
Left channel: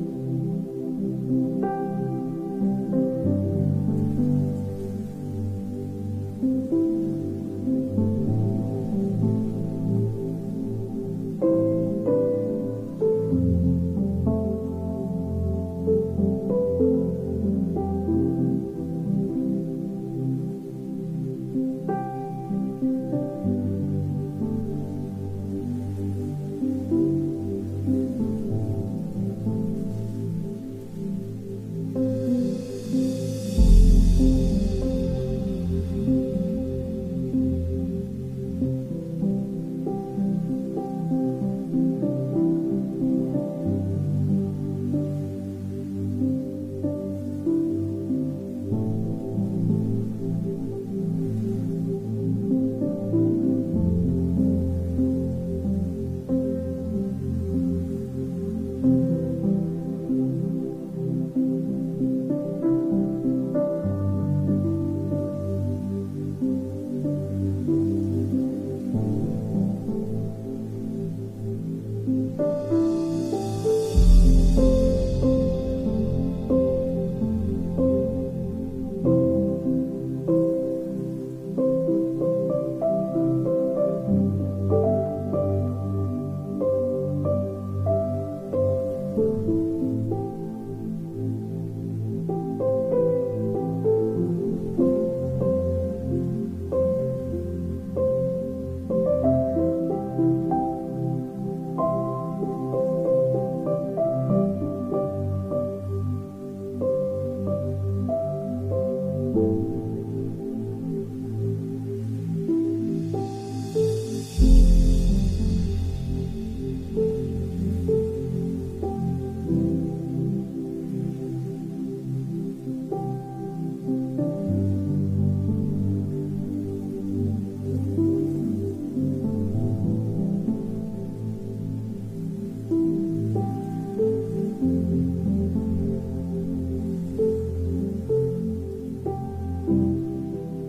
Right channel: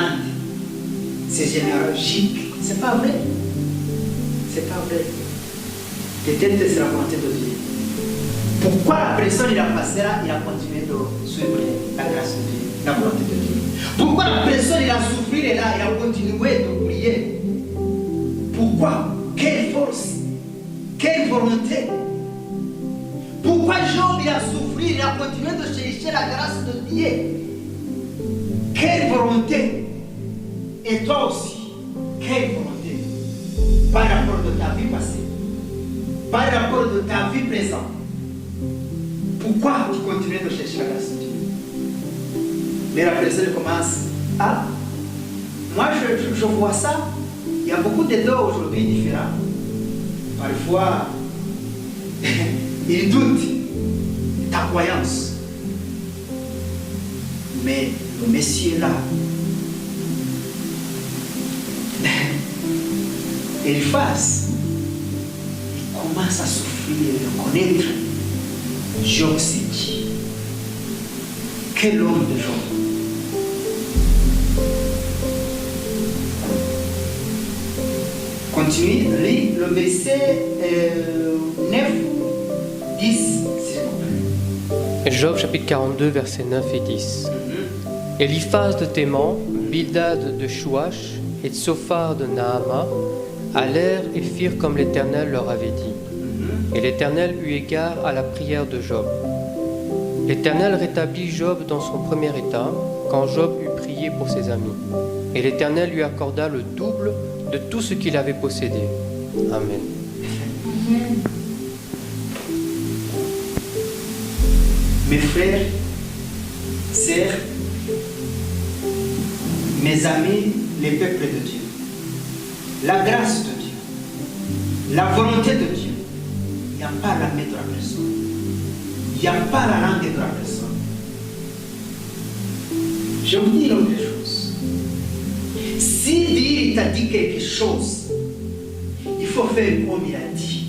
C'est généalogique. C'est pas vrai. C'est pas vrai. Peut-être c'est la volonté de Dieu. Pourquoi la personne il a passé là, il a continué de suivre la grâce de Dieu, la volonté de Dieu. Pourquoi la personne il a souffert là, il a continué de prier. Pourquoi? Quelle force? Quelle volonté? Pourquoi Job il a souffert, il a continué de chercher la grâce de Dieu? Quelle volonté? Et toi aussi, quelle volonté? Par rapport de ta vie passée, par rapport de ta vie présente. pourquoi tu continues de chercher la grâce de Dieu? Mais la personne commence, ah, moi je vois ça, il y a beaucoup de dons aujourd'hui différents. Parfois, il doute ta croyance. Mais le Messie est là. Eliphaz, il commence à souffrir, de connaître Job c'est qui? Quel homme de Job? Continue, lis le verset 9, 10, s'il vous plaît. Job chapitre 42, versets 9 et 10. Eliphaz de Théman, Bildad de Chouach et Tsophar de Naama allèrent et firent comme l'Éternel leur avait dit. Et l'Éternel eut égard à la prière de Job. L'Éternel rétablit Job dans son premier état, quand Job eut prié pour ses amis. Et l'Éternel lui accorda le double de tout ce qu'il avait possédé. Amen. Mes frères, sœurs, mes amis, les peuples de Dieu, la grâce de Dieu, la volonté de Dieu, il n'y a pas la main de la personne, il n'y a pas la langue de la personne. Je vous dis autre chose. Si Dieu t'a dit quelque chose, il faut faire comme il a dit.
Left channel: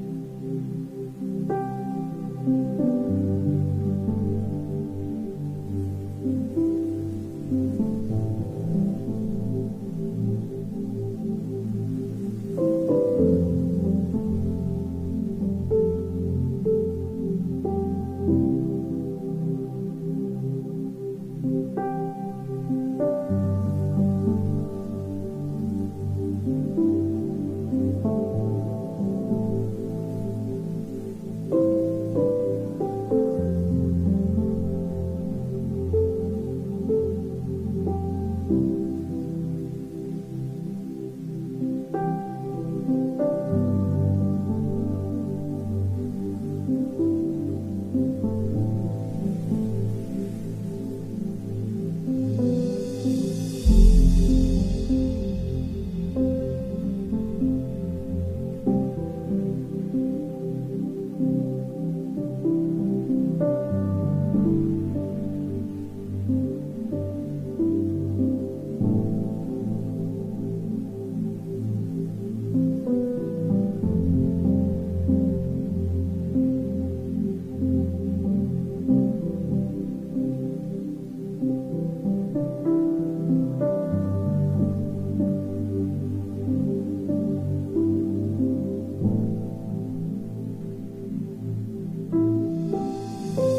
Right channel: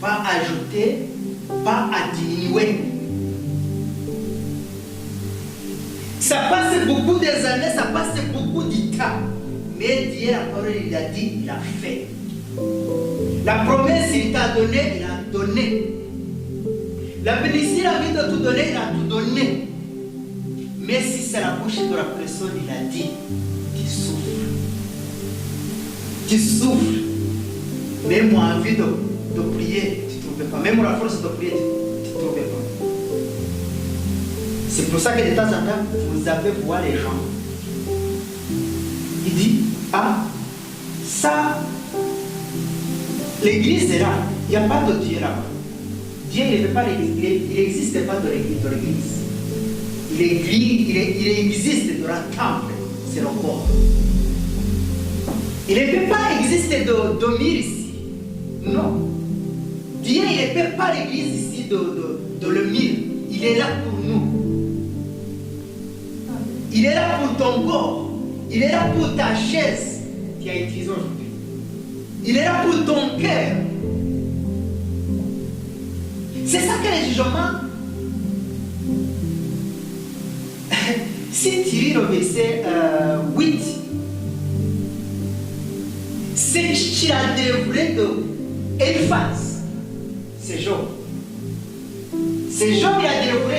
Pas ajouter, pas diminuer. Ça passe beaucoup des années, ça passe beaucoup de temps. Mais Dieu, la parole, il a dit, il a fait. La promesse, il t'a donné, il a donné. La bénédiction, il a envie de tout donner, il a tout donné. Mais si c'est la bouche de la personne, il a dit, tu souffres. Tu souffres. Même moi, envie de prier, tu ne trouves pas. Même la force de prier, tu ne trouves pas. C'est pour ça que de temps en temps, vous avez voir les gens. Il dit, ah, ça, l'église est là. Il n'y a pas de Dieu là-bas. Dieu il n'existe pas de l'église. Il existe dans le temple, c'est le corps. Il ne peut pas exister de dormir ici. Non. Dieu il ne peut pas l'église ici de le mire. Il est là pour nous. Il est là pour ton corps. Il est là pour ta chaise qui a été utilisée aujourd'hui. Il est là pour ton cœur. C'est ça que les jugements. Si tu lis le verset 8, c'est qu'il a développé de Eliphaz. C'est Job. C'est Job qui a développé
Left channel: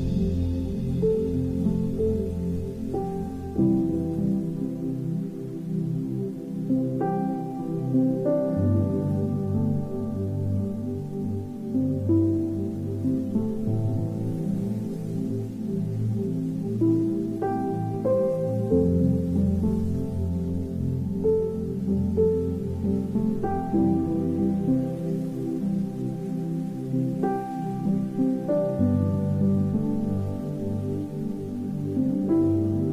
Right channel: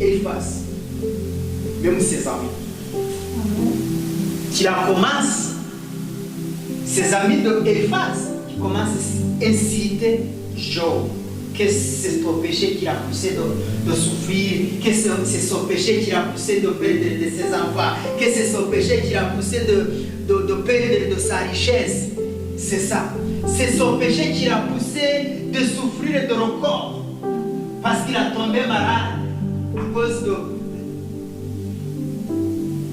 Eliphaz. Même ses amis. Qui la commence, ses amis de Eliphaz, qui commencent à inciter Job. Que c'est son péché qui l'a poussé de souffrir, que c'est son péché qui l'a poussé de perdre de ses enfants, que c'est son péché qui l'a poussé de perdre de sa richesse. C'est ça. C'est son péché qui l'a poussé de souffrir de le corps. Parce qu'il a tombé malade à cause de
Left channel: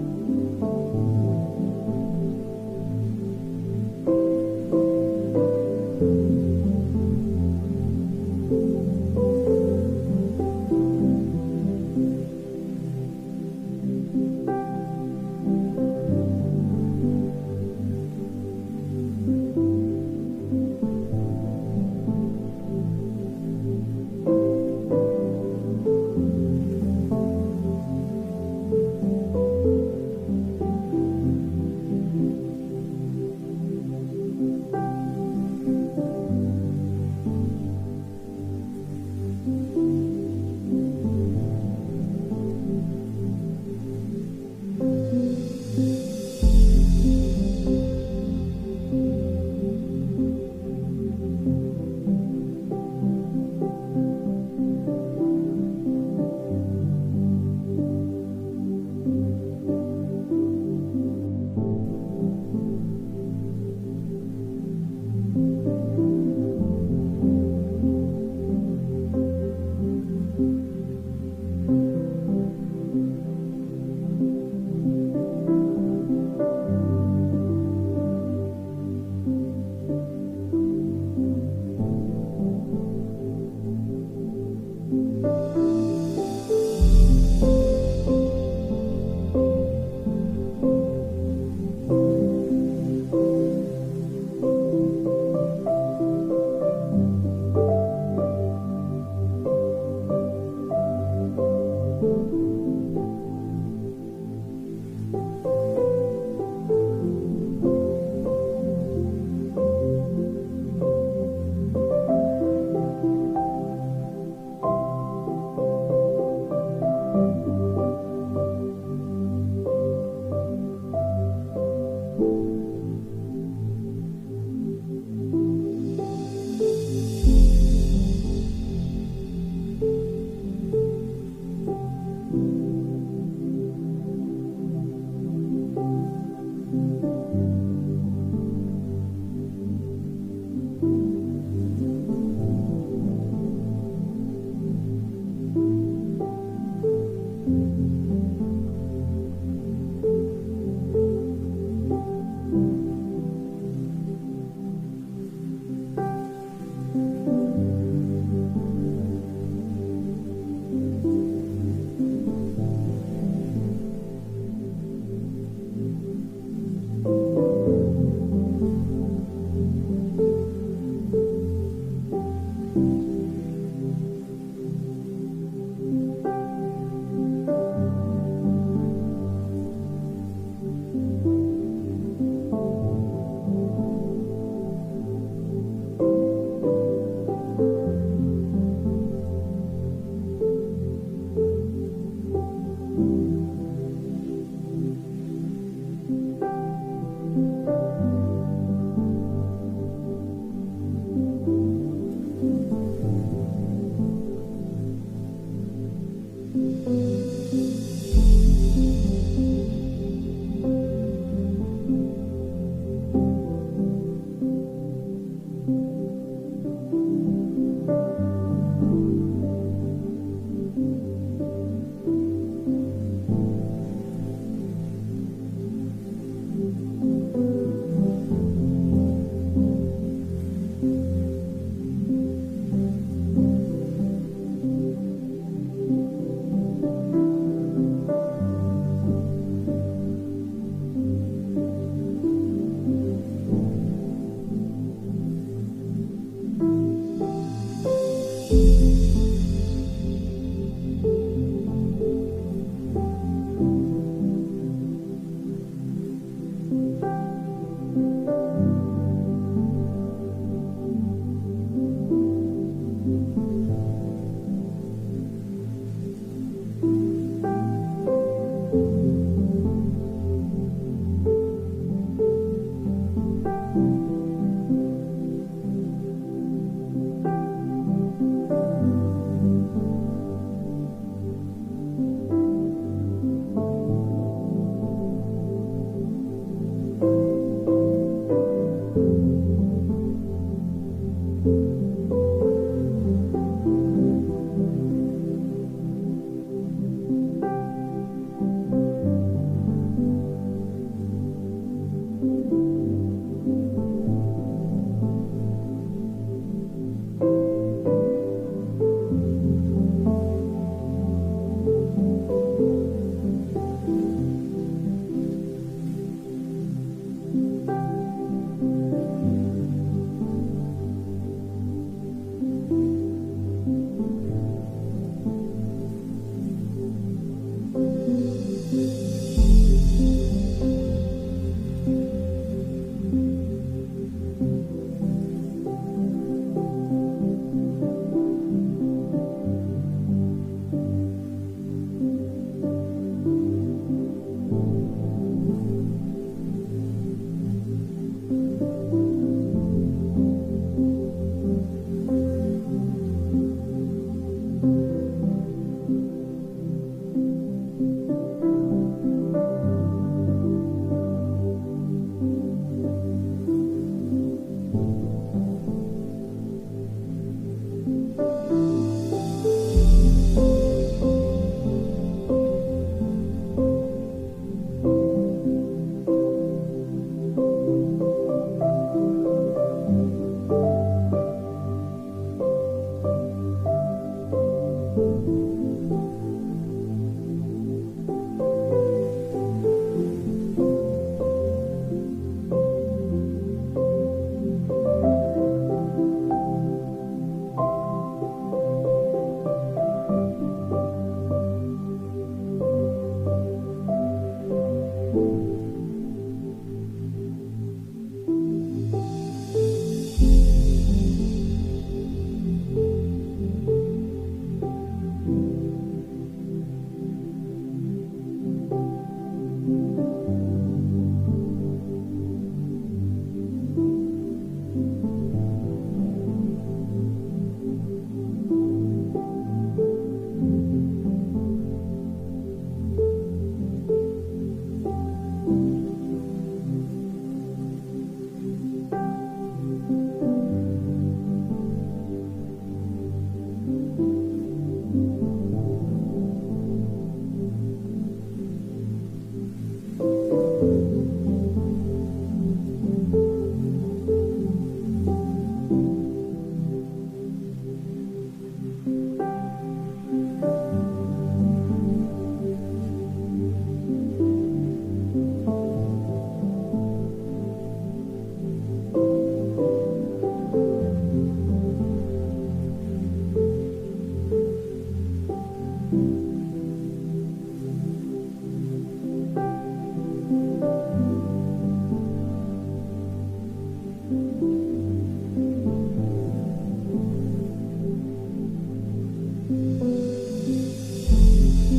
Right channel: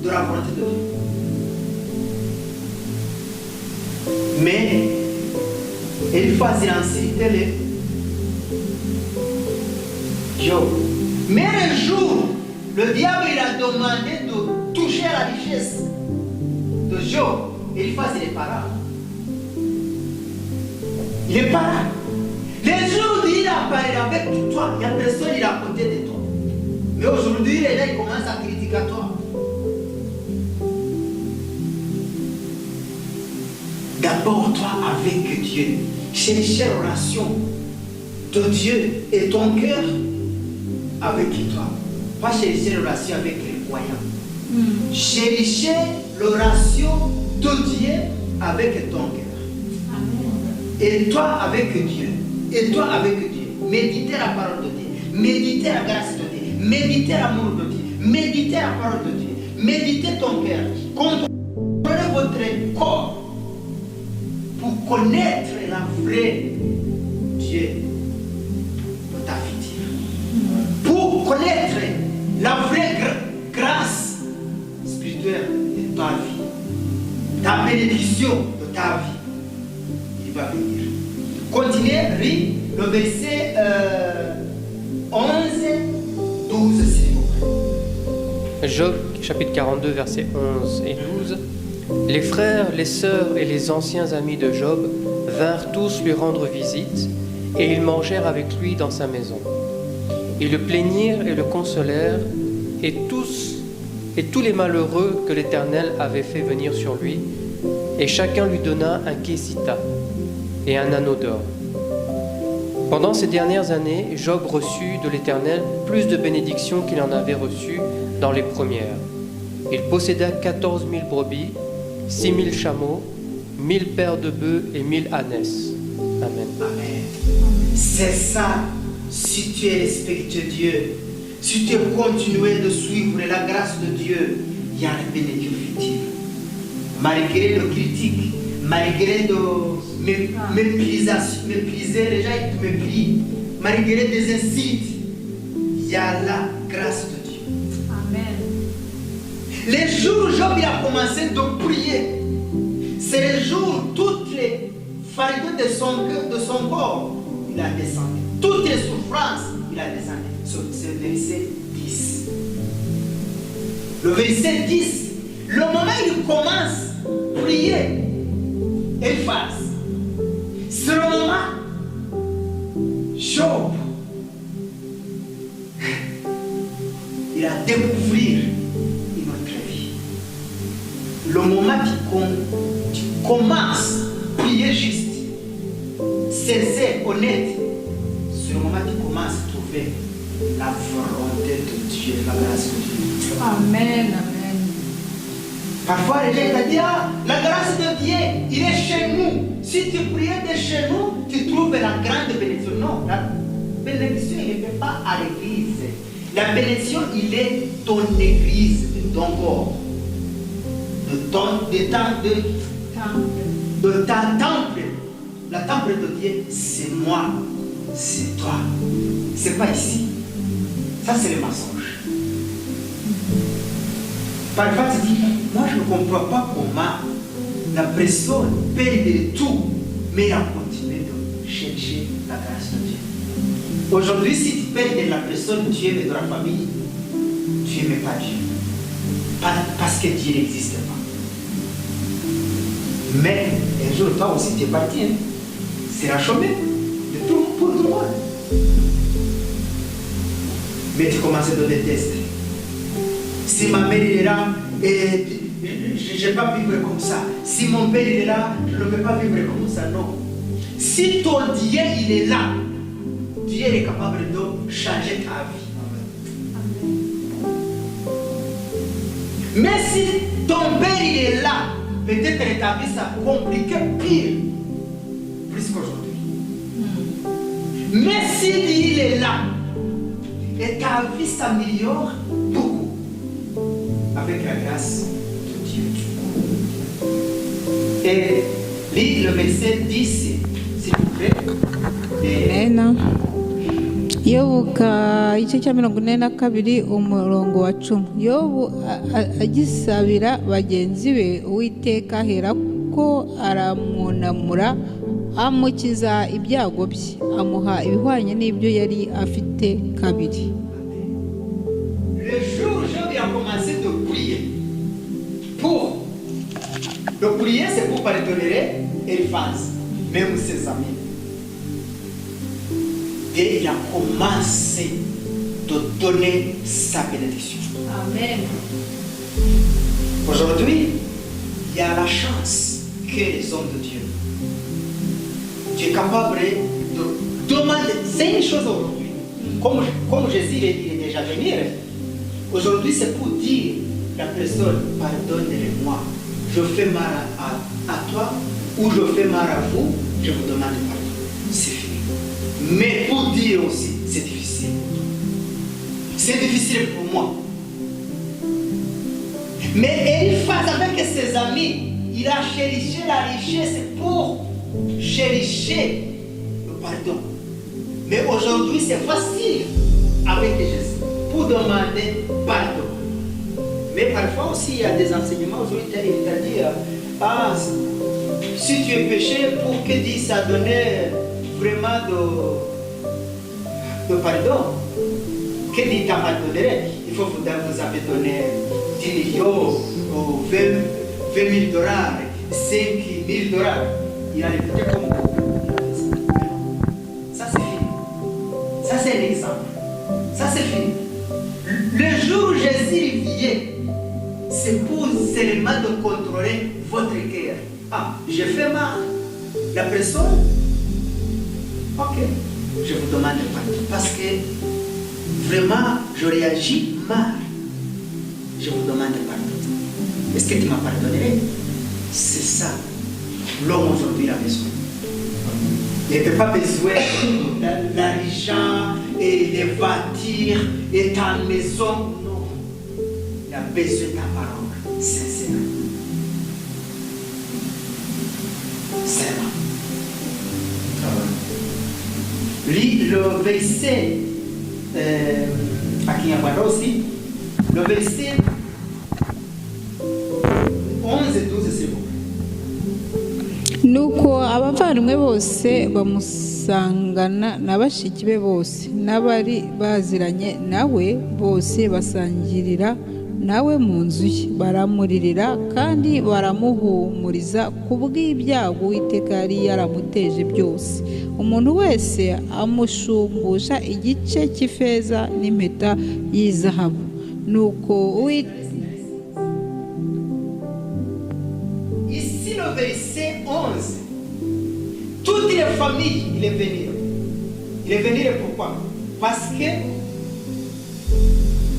la volonté de Dieu. Mais Eliphaz il a incité les Job. Mais le jour, le diable il a demandé de toucher à la richesse de Job. Eliphaz il n'est pas là. Il n'est pas là. Les jours où il a parlé avec toi, il n'y a personne il est à côté de toi. Mais aujourd'hui, il est là, il commence à critiquer toi. D'abord, toi avec Dieu, chercher la relation de Dieu et ton cœur avec toi. Pas chercher la relation avec les croyants. Chercher la relation de Dieu avec ton cœur. Et toi avec Dieu. Et toi avec Dieu. Méditez la parole de Dieu. Méditez la grâce de Dieu. Méditez l'amour de Dieu. Méditez la parole de Dieu. Méditez ton cœur. Contrôlez votre corps pour connaître la vraie Dieu pour ta vie. Job chapitre 42 versets 11 et 12. Les frères, les sœurs et les anciens amis de Job vinrent tous lui rendre visite et ils mangèrent avec lui dans sa maison. Ils le plaignirent et le consolèrent et tous les malheureux que l'Éternel avait fait venir sur lui, et chacun lui donna un késita et un anneau d'or. Pendant ces dernières années, Job reçut de l'Éternel plus de bénédictions qu'il en avait reçues dans les premières. Il posséda 14 000 brebis, 6 000 chameaux, 1000 paires de bœufs et 1000 ânesses. Amen. Amen. C'est ça, si tu es respectueux de Dieu, si tu continues de suivre la grâce de Dieu, il y a la bénédiction future. Malgré le critique, malgré de mépriser, les gens ils te méprient, malgré des insultes, il y a la grâce de Dieu. Amen. Les jours où Job il a commencé de prier, c'est les jours où toutes les fardeaux de son corps, il a descendu. Toutes les souffrances, il a descendu. C'est le verset 10. Le verset 10, le moment où il commence à prier, Eliphaz, c'est le moment Job, il a découvert une autre vie. Le moment où tu commences à prier juste, sincère, honnête, c'est le moment où tu commences à trouver la volonté de Dieu, la grâce de Dieu. Amen. Amen. Parfois, les gens te disent, ah, la grâce de Dieu, il est chez nous. Si tu pries de chez nous, tu trouves la grande bénédiction. Non, la bénédiction, il n'est pas à l'église. La bénédiction, il est ton église, de ton corps, de ta temple. La temple de Dieu, c'est moi, c'est toi. C'est pas ici. Ça, c'est le mensonge. Parfois, tu dis, moi, je ne comprends pas comment la personne perd tout, mais elle a continué de chercher la grâce de Dieu. Aujourd'hui, si tu perds la personne, tu es de la famille, tu n'aimes pas Dieu. Parce que Dieu n'existe pas. Mais un jour, toi aussi, tu es parti. Hein? C'est la chômée de tout pour tout le monde. Mais tu commences à te détester. Si ma mère est là, et je ne vais pas vivre comme ça. Si mon père est là, je ne vais pas vivre comme ça. Non. Si ton Dieu il est là, Dieu est capable de changer ta vie. Mais si ton père il est là, peut-être que ta vie ça compliqué pire, plus qu'aujourd'hui. Mais si il est là, et ta vie s'améliore beaucoup avec la grâce de Dieu. Et lis le verset 10, s'il vous plaît. Amen. Yobu igice cya 42 umurongo wa 10. Yobu agisabira bagenzi be, Uwiteka ahera ko aramunamura amukiza ibyago bye, amuha ibihwanye n'ibyo yari afite kabiri. Le jour où Job a commencé de prier, le prier c'est pour pardonner Eliphaz, même ses amis. Et il a commencé de donner sa bénédiction. Amen. Aujourd'hui, il y a la chance que les hommes de Dieu, tu es capable de demander. C'est une chose aujourd'hui. Comme Jésus il est déjà venu. Aujourd'hui, c'est pour dire la personne, pardonnez-moi. Je fais mal à toi ou je fais mal à vous, je vous demande pardon. C'est fini. Mais pour dire aussi, c'est difficile. C'est difficile pour moi. Mais Eliphaz, avec ses amis, il a cherché la richesse pour chercher le pardon. Mais aujourd'hui, c'est facile avec Jésus pour demander pardon. Mais parfois aussi, il y a des enseignements aujourd'hui, il t'a dit, ah, si tu es péché, pour que Dieu t'a donné vraiment de pardon, que Dieu t'a pardonné, il fois vous avez donné 10 millions ou 20 000 dollars, 5 000 dollars. Il a écouté comme ça, c'est fini. Ça, c'est un exemple. Ça, c'est fini. Le jour où Jésus vient, c'est pour seulement de contrôler votre cœur. Ah, j'ai fait mal. La personne, ok, je vous demande pardon. Parce que vraiment, je réagis mal. Je vous demande pardon. Est-ce que tu m'as pardonné? C'est ça. L'homme aujourd'hui a besoin. Il n'a pas besoin de l'argent et des voitures et ta maison. Non. Il a besoin de ta parole. Sincère. C'est vrai. Le verset à Kinyarwanda aussi, le verset 11 et 12, c'est bon. nuko abavandimwe bose bamusangana na bashiki be bose n'abari baziranye nawe bose basangirira nawe mu nzu ye, baramuririra kandi baramuhumuriza ku bw'ibyago Uwiteka yari yaramuteje byose. Umuntu wese amushumbusha igice cy'ifeza n'impeta y'izahabu. Nuko Ici, le verset 11, toutes les familles, il est venu. Il est venu pourquoi? Parce que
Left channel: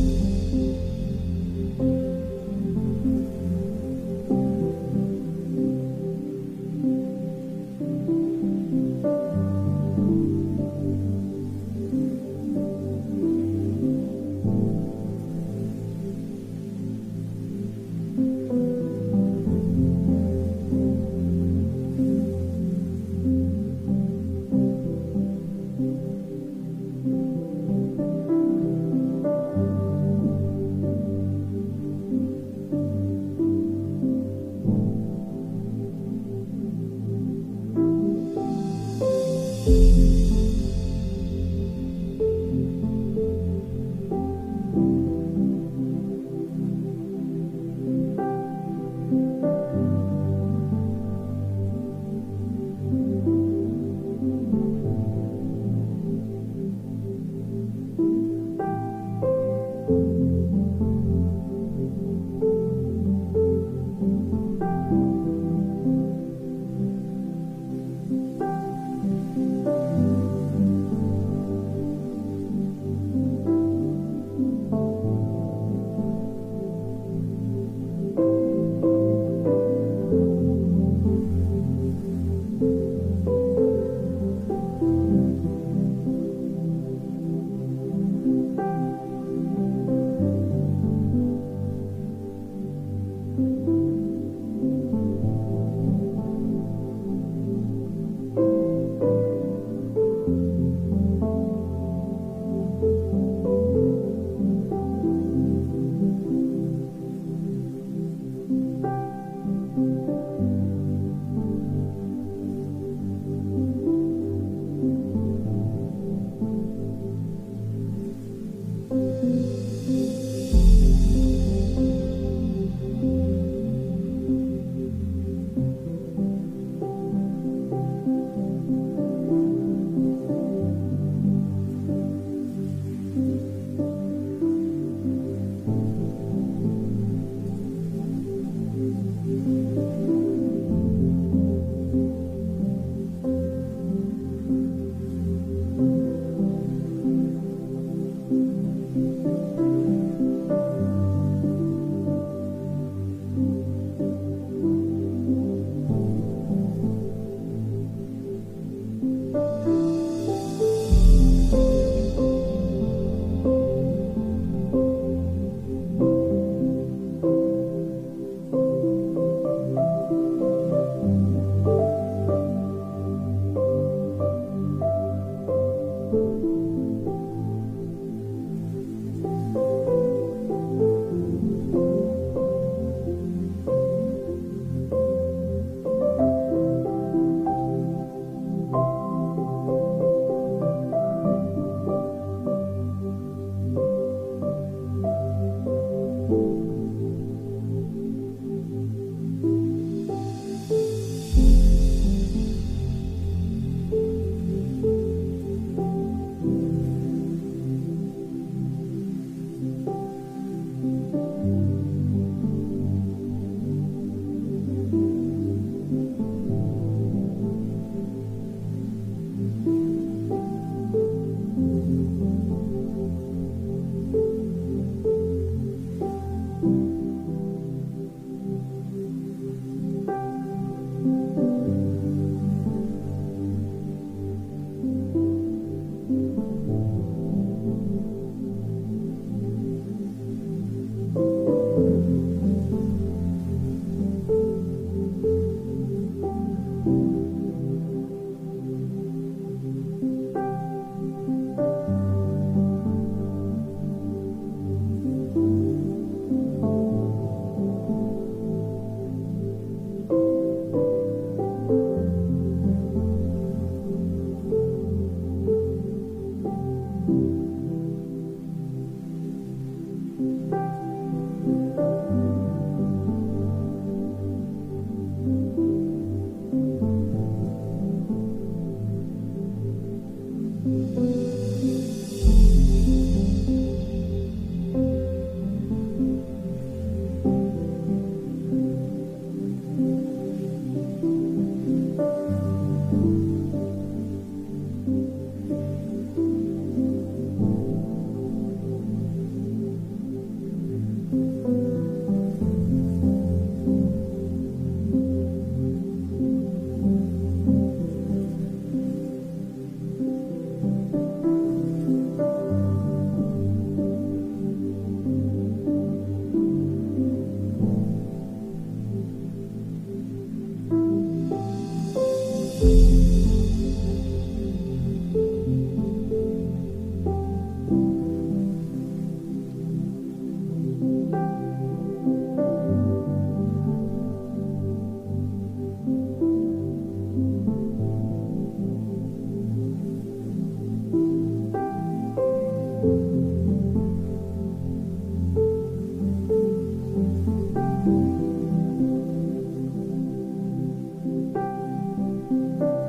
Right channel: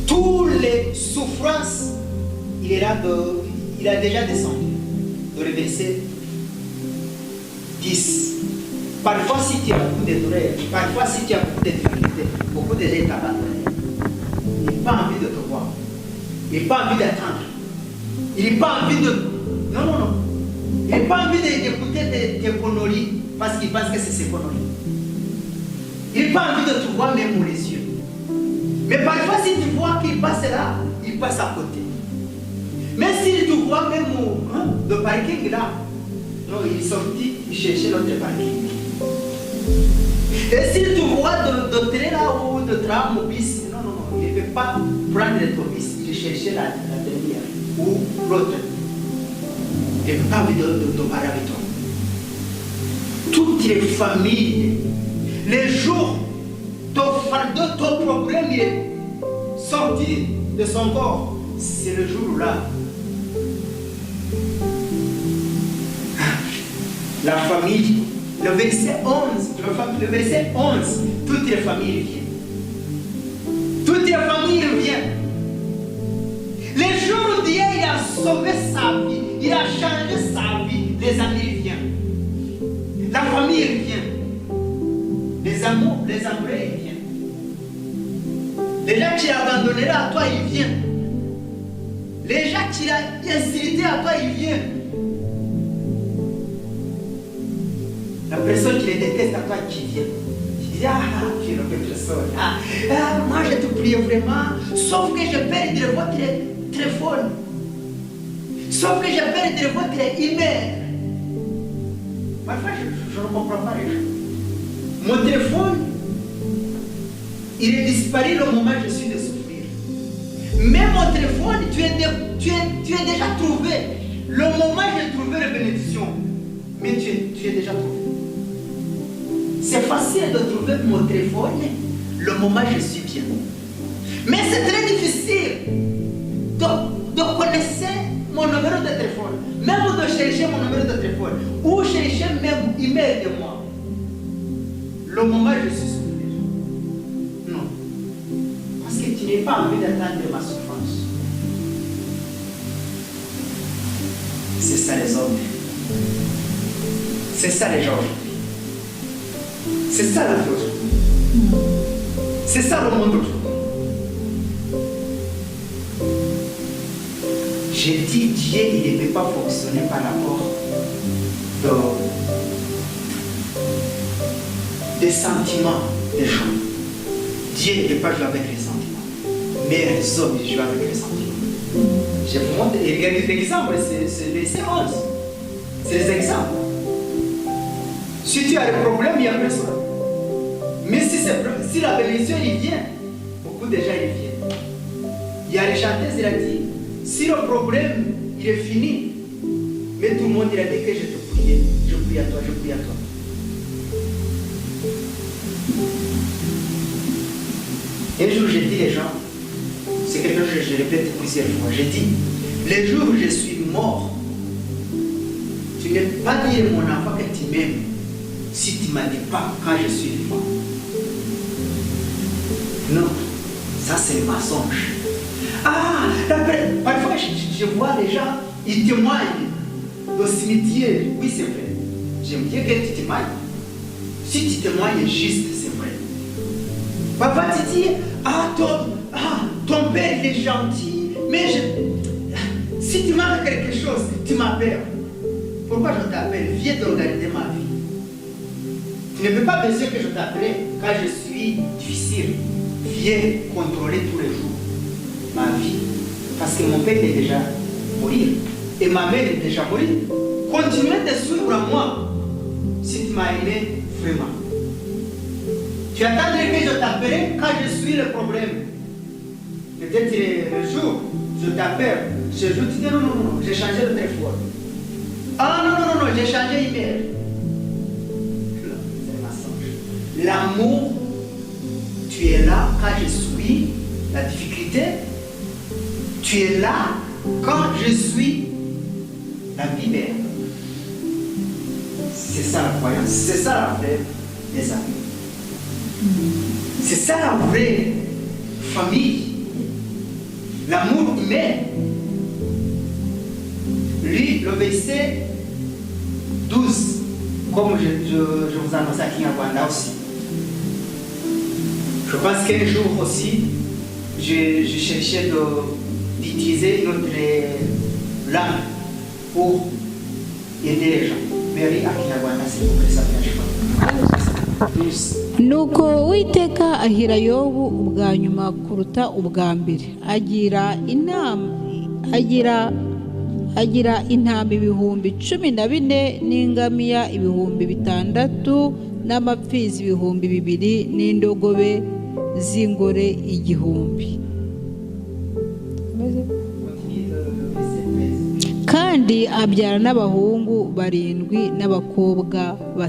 toutes les souffrances, il a déjà descendu. Dans le verset 10. Parfois, si tu as beaucoup de douleurs, parfois, si tu as beaucoup de difficultés, beaucoup de gens t'abandonnent. Il n'a pas envie de te voir. Il n'a pas envie d'attendre. Il n'a pas envie de. Non, non, non. Il n'a pas envie d'écouter tes conneries parce qu'il pense que c'est ses conneries. Il n'a pas envie de te voir même pour les yeux. Mais parfois, si tu vois qu'il passe là, il passe à côté. Mais s'il te voit même le parking là, non, il est sorti chercher l'autre parking. Et s'il te voit de train là ou de tram ou bus, non, non, non, il ne peut pas prendre ton bus, il chercher la dernière ou l'autre. Il n'a pas envie de parler avec toi. Toutes les familles, les jours, ton problème il est sorti de son corps. C'est le jour-là. La famille, le verset 11, toutes les familles viennent. Toutes les familles viennent. Les jours où Dieu il a sauvé sa vie, il a changé sa vie, les amis viennent. La famille vient. Les amours, les amoureux viennent. Les gens qui l'ont abandonné là, à toi, ils viennent. Les gens qui l'ont insulté à toi, ils viennent. La personne qui les déteste à toi, qui vient. Qui dit, tu es une personne. Moi, je te prie vraiment. Sauf que je perds votre téléphone. Sauf que je perds votre email. Parfois, je ne comprends pas les gens. Mon téléphone, il est disparu le moment où je suis de souffrir. Mais mon téléphone, tu es déjà trouvé. Le moment où j'ai trouvé la bénédiction, mais tu es déjà trouvé. C'est facile de trouver mon téléphone le moment où je suis bien. Mais c'est très difficile de connaître mon numéro de téléphone, même de chercher mon numéro de téléphone, ou chercher même email de moi. Le moment où je suis soulagé. Non. Parce que tu n'as pas envie d'attendre ma souffrance. C'est ça les hommes. C'est ça les gens. C'est ça la chose. C'est ça le monde aujourd'hui. J'ai dit, Dieu, il ne peut pas fonctionner par rapport des sentiments des gens. Dieu ne peut pas jouer avec les sentiments. Mais les hommes, ils jouent avec les sentiments. Je vous montre des exemples, c'est les 11. C'est les exemples. Si tu as des problèmes, il n'y a personne. Mais si la bénédiction, il vient, beaucoup de gens, ils viennent. y a les chanteuses, il a dit, si le problème, il est fini, mais tout le monde, il a dit que je te prie, je prie à toi, je prie à toi. Un jour, j'ai dit les gens, c'est quelque chose que je répète plusieurs fois, j'ai dit, les jours où je suis mort, tu n'es pas dire mon enfant que tu m'aimes si tu ne m'as dit pas quand je suis vivant. Non, ça c'est mensonge. Ah, parfois je vois les gens, ils témoignent au cimetière. Oui, c'est vrai. J'aime bien que tu témoignes. Si tu témoignes juste, c'est vrai. Papa te dit, ton père il est gentil, mais si tu manques quelque chose, tu m'appelles. Pourquoi je t'appelle? Viens de regarder ma vie. Tu ne peux pas penser que je t'appelle quand je suis difficile. Viens contrôler tous les jours ma vie. Parce que mon père est déjà mort et ma mère est déjà morte. Continuez de suivre à moi si tu m'as aimé vraiment. Tu attendrais que je t'appelle quand je suis le problème. Peut-être le jour où je t'appelle, ce jour tu dis non, j'ai changé de téléphone. Ah non, j'ai changé email. C'est l'amour, tu es là quand je suis la difficulté. Tu es là quand je suis la vie belle. C'est ça la croyance, c'est ça la vraie des amis. C'est ça la vraie famille. L'amour humain. Lui, le verset 12, comme je vous annonce à Kinyarwanda aussi. Je pense qu'un jour aussi, je cherchais d'utiliser une autre langue pour aider les gens. Mais oui, à Kinyarwanda, c'est pour que ça vienne. nuko Uwiteka ahira Yobu ubwa nyuma kuruta ubwa mbere, agira intama ibihumbi 14 n'ingamiya ibihumbi 6 n'amapfizi ibihumbi 2 n'indogobe z'ingore 1,000. Kandi abyara n'abahungu 7 n'abakobwa 3.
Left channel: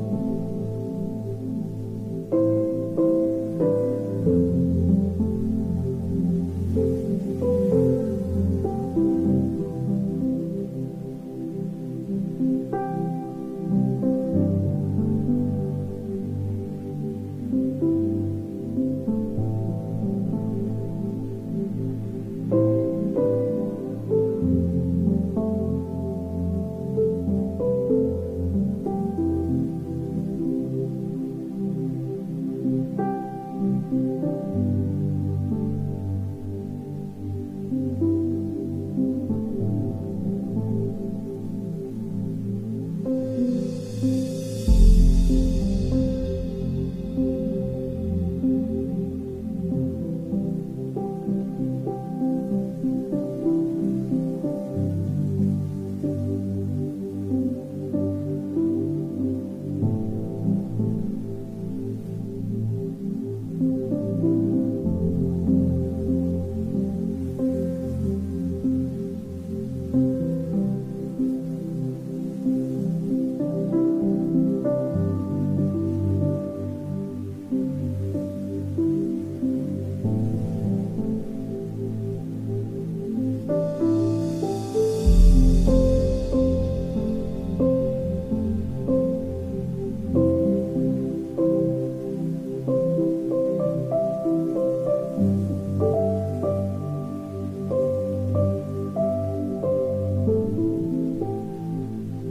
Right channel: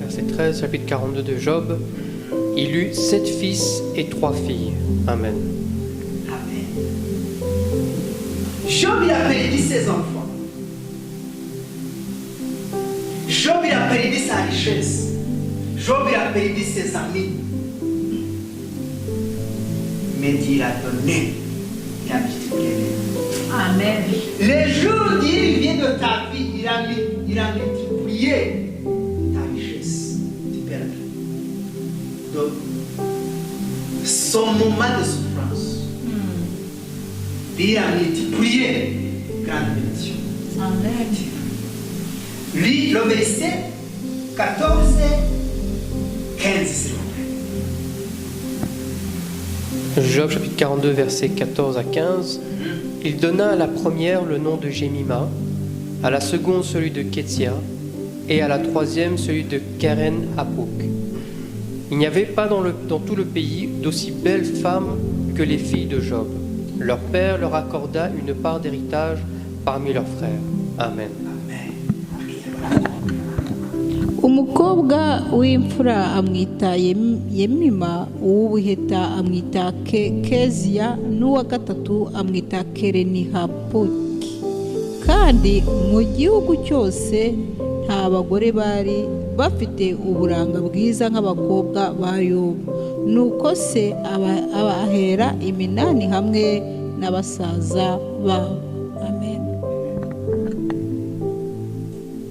Verset 13, chapitre 42 de Job. Il eut 7 fils et 3 filles. Amen. Amen. Job, il a perdu ses enfants. Job, il a perdu sa richesse. Job, il a perdu ses amis. Mais Dieu l'a donné. Il a multiplié. Amen. Les jours où Dieu vient de ta vie, il a multiplié ta richesse. Tu perds. Donc, son moment de souffrance, Dieu a multiplié grande bénédiction. Amen. Lui, le verset 14, 15, s'il vous plaît. Job chapitre 42 versets 14 à 15. Il donna à la première le nom de Jémima, à la seconde celui de Kétia, et à la troisième celui de Keren Hapuk. Il n'y avait pas dans tout le pays d'aussi belles femmes que les filles de Job. Leur père leur accorda une part d'héritage parmi leurs frères. Amen. Umukobwa w'imfura amwita Yemima, uw'ubuheta amwita Keziya, n'uwa gatatu amwita Kereni-Hapuki. Kandi mu gihugu cyose nta bagore bari bafite uburanga bwiza nk'abakobwa ba Yobu. Nuko se abahera iminani hamwe n'abasaza babo. Amen.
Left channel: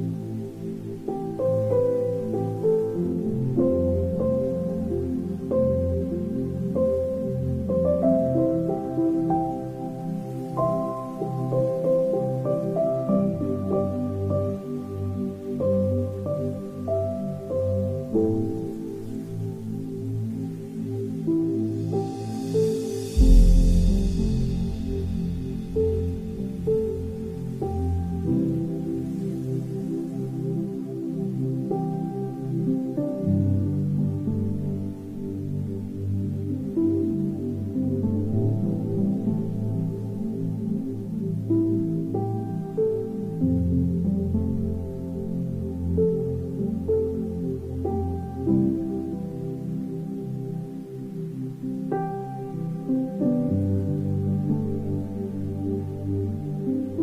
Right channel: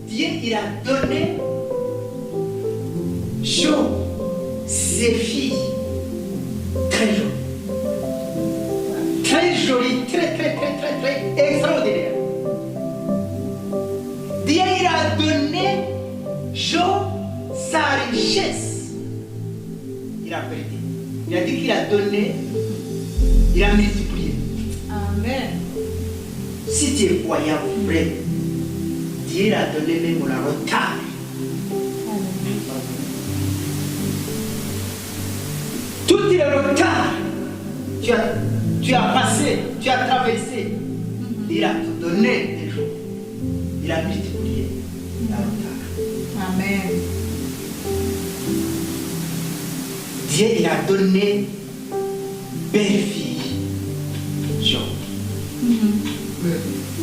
Dieu, il a donné Job, ses filles, très jolies. Très jolies, très extraordinaires. Dieu, il a donné Job sa richesse. Il a perdu. Il a dit qu'il a donné, il a multiplié. Amen. Si tu es croyant vrai, Dieu a donné même la retard. Tout le retard tu as passé, tu as traversé, il a te donné des jours. Il a multiplié la retard. Amen. Dieu, il a donné belle fille, Job.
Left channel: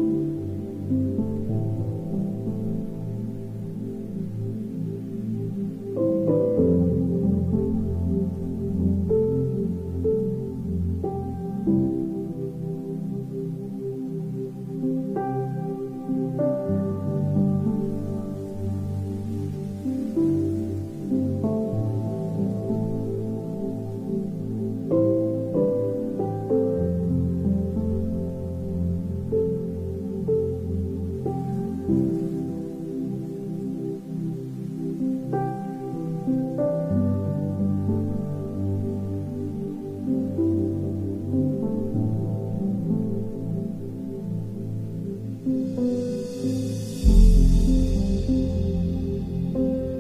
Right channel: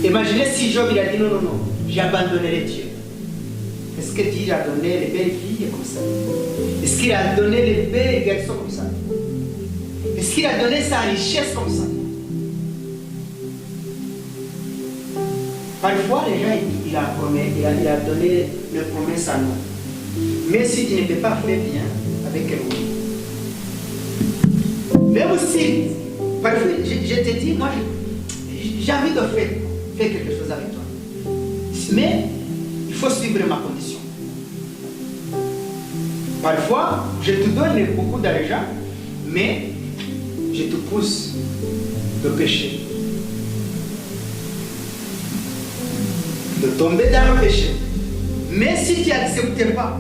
Imaginez si Job, il a dit non, j'ai abandonné les dieux. Est-ce que Dieu a donné les belles filles comme ça? Est-ce qu'il a donné les belles garçons comme ça? Est-ce qu'il a donné sa richesse comme ça? Parfois, les gens, il a donné le promesse à nous. Mais si tu ne peux pas faire bien avec quelqu'un, même aussi, parfois, je te dis, moi, j'ai envie de faire quelque chose avec toi. Mais il faut suivre ma condition. Parfois, je te donne beaucoup d'argent, mais je te pousse de pécher. De tomber dans le péché. Mais si tu n'acceptes pas,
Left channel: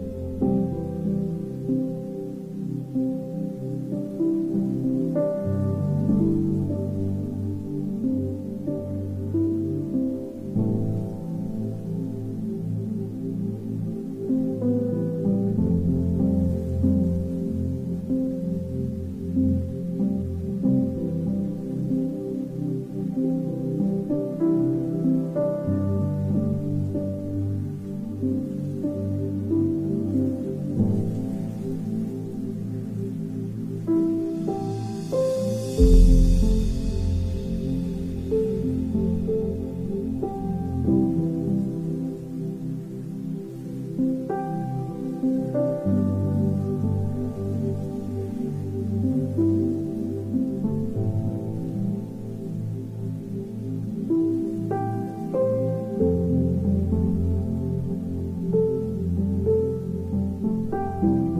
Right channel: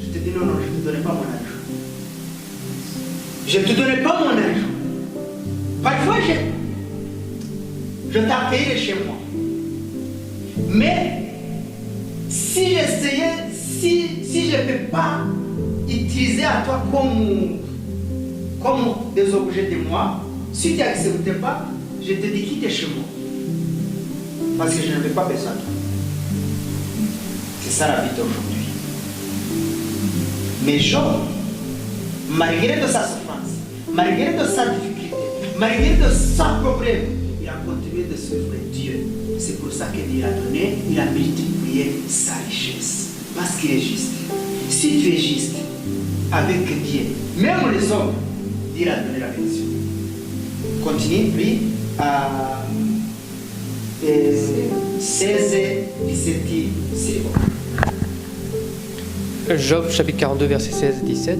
je te dis non, je ne te donne pas mon argent. Je ne te donne pas mon argent. Parfois, je t'accueillerai chez moi. Mais si j'essayais, si je ne peux pas utiliser à toi comme des objets de moi, si tu n'acceptes pas, je te dis quitte chez moi. Parce que je n'avais pas besoin de toi. C'est ça la vie d'aujourd'hui. Mais Job, malgré de sa souffrance, malgré de sa difficulté, malgré de sa problème, il a continué de suivre Dieu. C'est pour ça que Dieu a donné, il a multiplié sa richesse. Parce qu'il est juste. Si tu es juste avec Dieu, même les hommes, Dieu a donné la bénédiction. Continue, puis à 16, 17, c'est bon. Job chapitre 42 verset 16 et 17.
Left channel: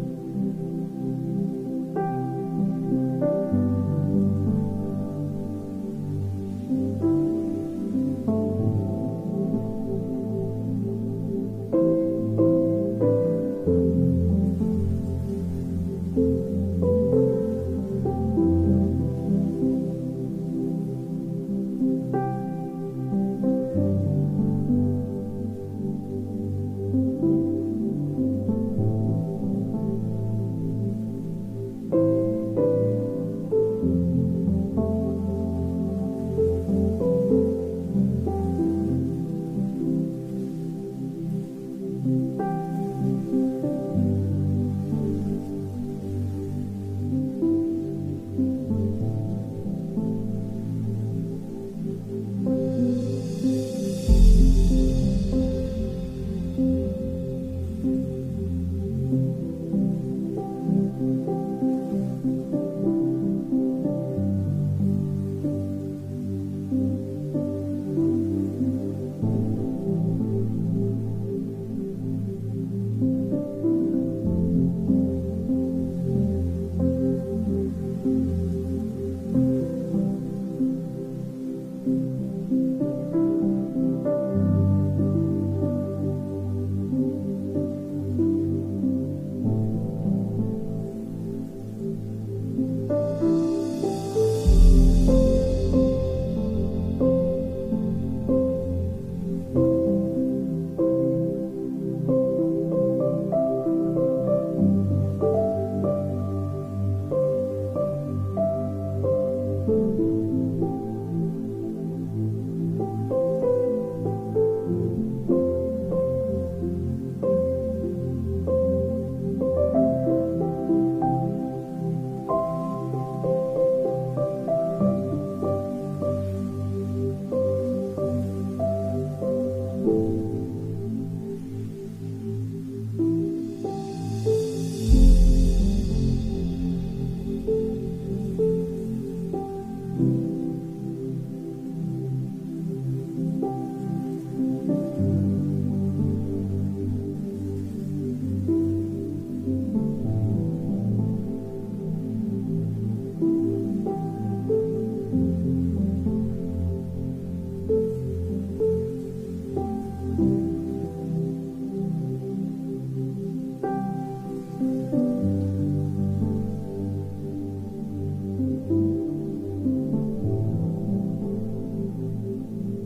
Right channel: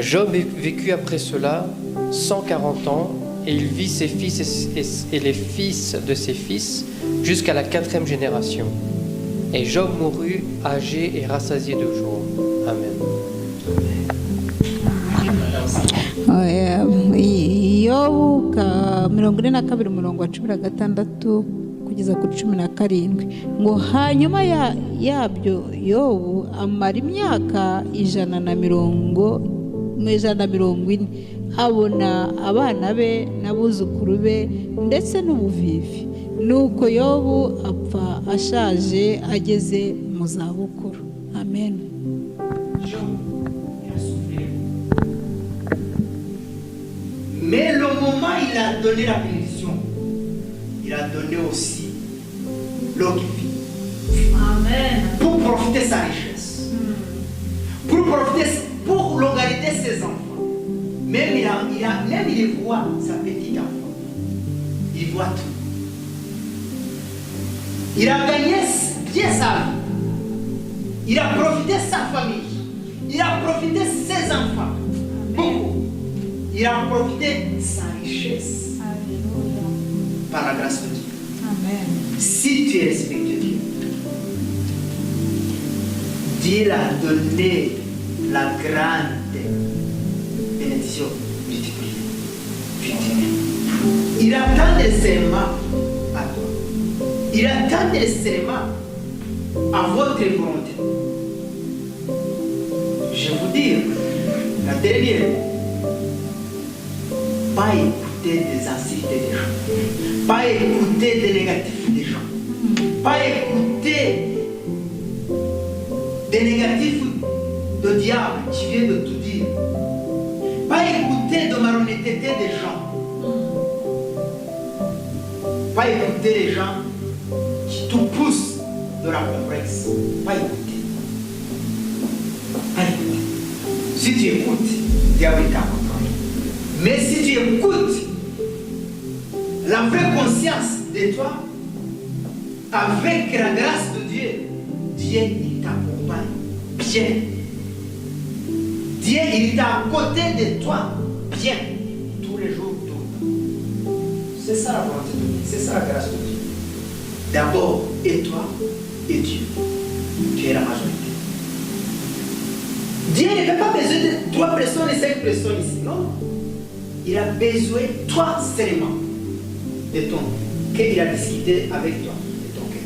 Job vécut après cela 140 ans et il vit ses fils et les fils de ses fils jusqu'à la 4e génération. Et Job mourut âgé et rassasié de jours. Amen. Yobu 42 umurongo wa 16 kugeza kuri 17 ngo hanyuma yabyo Yobu amara imyaka 140 abona abana be n'abuzukuru be ndetse n'ubuvivi. Nuko Yobu apfa ashaje ageze mu zabukuru. Amen. Mais le moment où il a donné la bénédiction, il a donné aussi l'eau qui vit. Amen. Pour profiter de sa richesse. Pour localiser ses enfants. Même il voit sa petite enfant. Il voit tout. Il a gagné bien sa vie. Il a profité de sa famille. Il a profité de ses enfants. Beaucoup. Il a profité de sa richesse. Par la grâce de Dieu. Amen. Si tu respectes Dieu, Dieu a donné la grande bénédiction multipliée. Il attend des serments à toi. Il attend des serments à votre volonté. Je vous dis, la dernière, pas écouter des insultes des gens, pas écouter des négatifs des gens, pas écouter des négatifs de diable qui vient de tout dire, pas écouter de malhonnêteté des gens, pas écouter les gens qui te poussent de la complexe, pas écouter, pas écouter. Si tu écoutes, diable t'a contrôlé. Mais si tu écoutes la vraie conscience de toi, avec la grâce de Dieu, Dieu il t'accompagne bien. Dieu il est à côté de toi bien tous les jours. C'est ça la volonté de Dieu, c'est ça la grâce de Dieu. D'abord, et toi et Dieu. Tu es la majorité. Dieu Dieu n'avait pas besoin de 3 personnes et 5 personnes ici, non? Il a besoin de toi seulement, de ton qu'il a discuté avec toi, de ton cœur.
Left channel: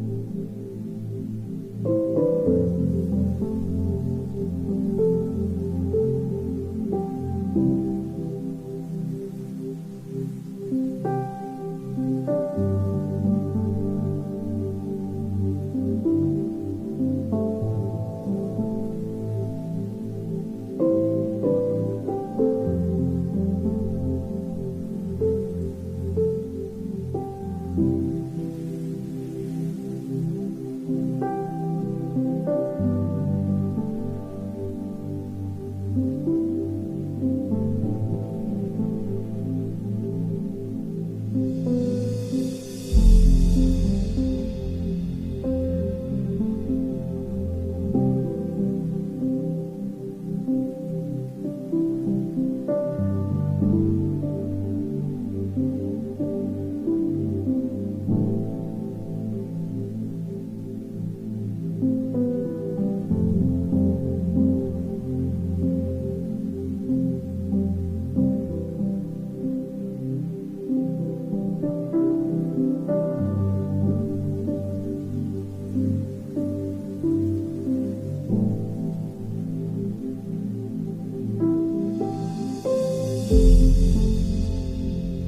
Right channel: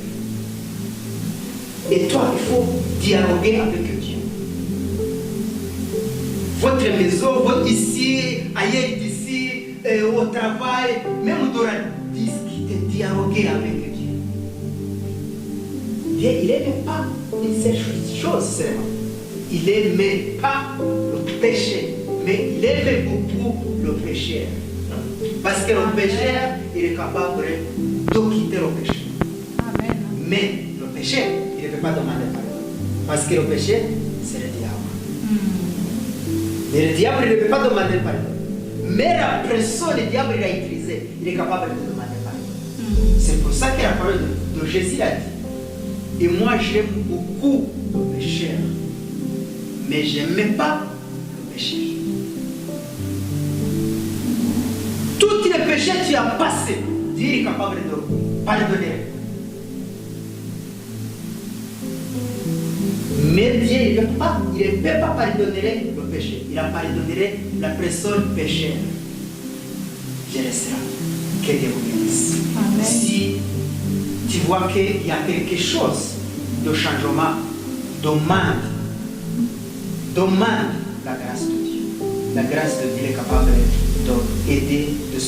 Et toi, il faut dialoguer avec Dieu. Votre maison, votre ici, ailleurs d'ici, au travail, même on doit discuter, dialoguer avec Dieu. Dieu, il n'aime pas ces choses seulement. Il n'aime pas le péché, mais il aime beaucoup le péché. Parce que le pécheur, il est capable de quitter le péché. Amen. Mais le péché, il ne peut pas demander pardon. Parce que le péché, c'est le diable. Et le diable ne peut pas demander pardon. Mais la pression, le diable il a utilisé, il est capable de demander pardon. C'est pour ça que la parole de Jésus a dit. Et moi, j'aime beaucoup le péché. Mais je n'aime pas le péché. Tous les péchés que tu as passés, Dieu est capable de pardonner. Mais Dieu il ne peut pas pardonner le péché. Il a pardonné la personne pécheur. Je laisserai. Que Dieu vous bénisse. Si tu vois qu'il y a quelque chose de changement, demande la grâce de Dieu. La grâce de Dieu est capable d'aider, de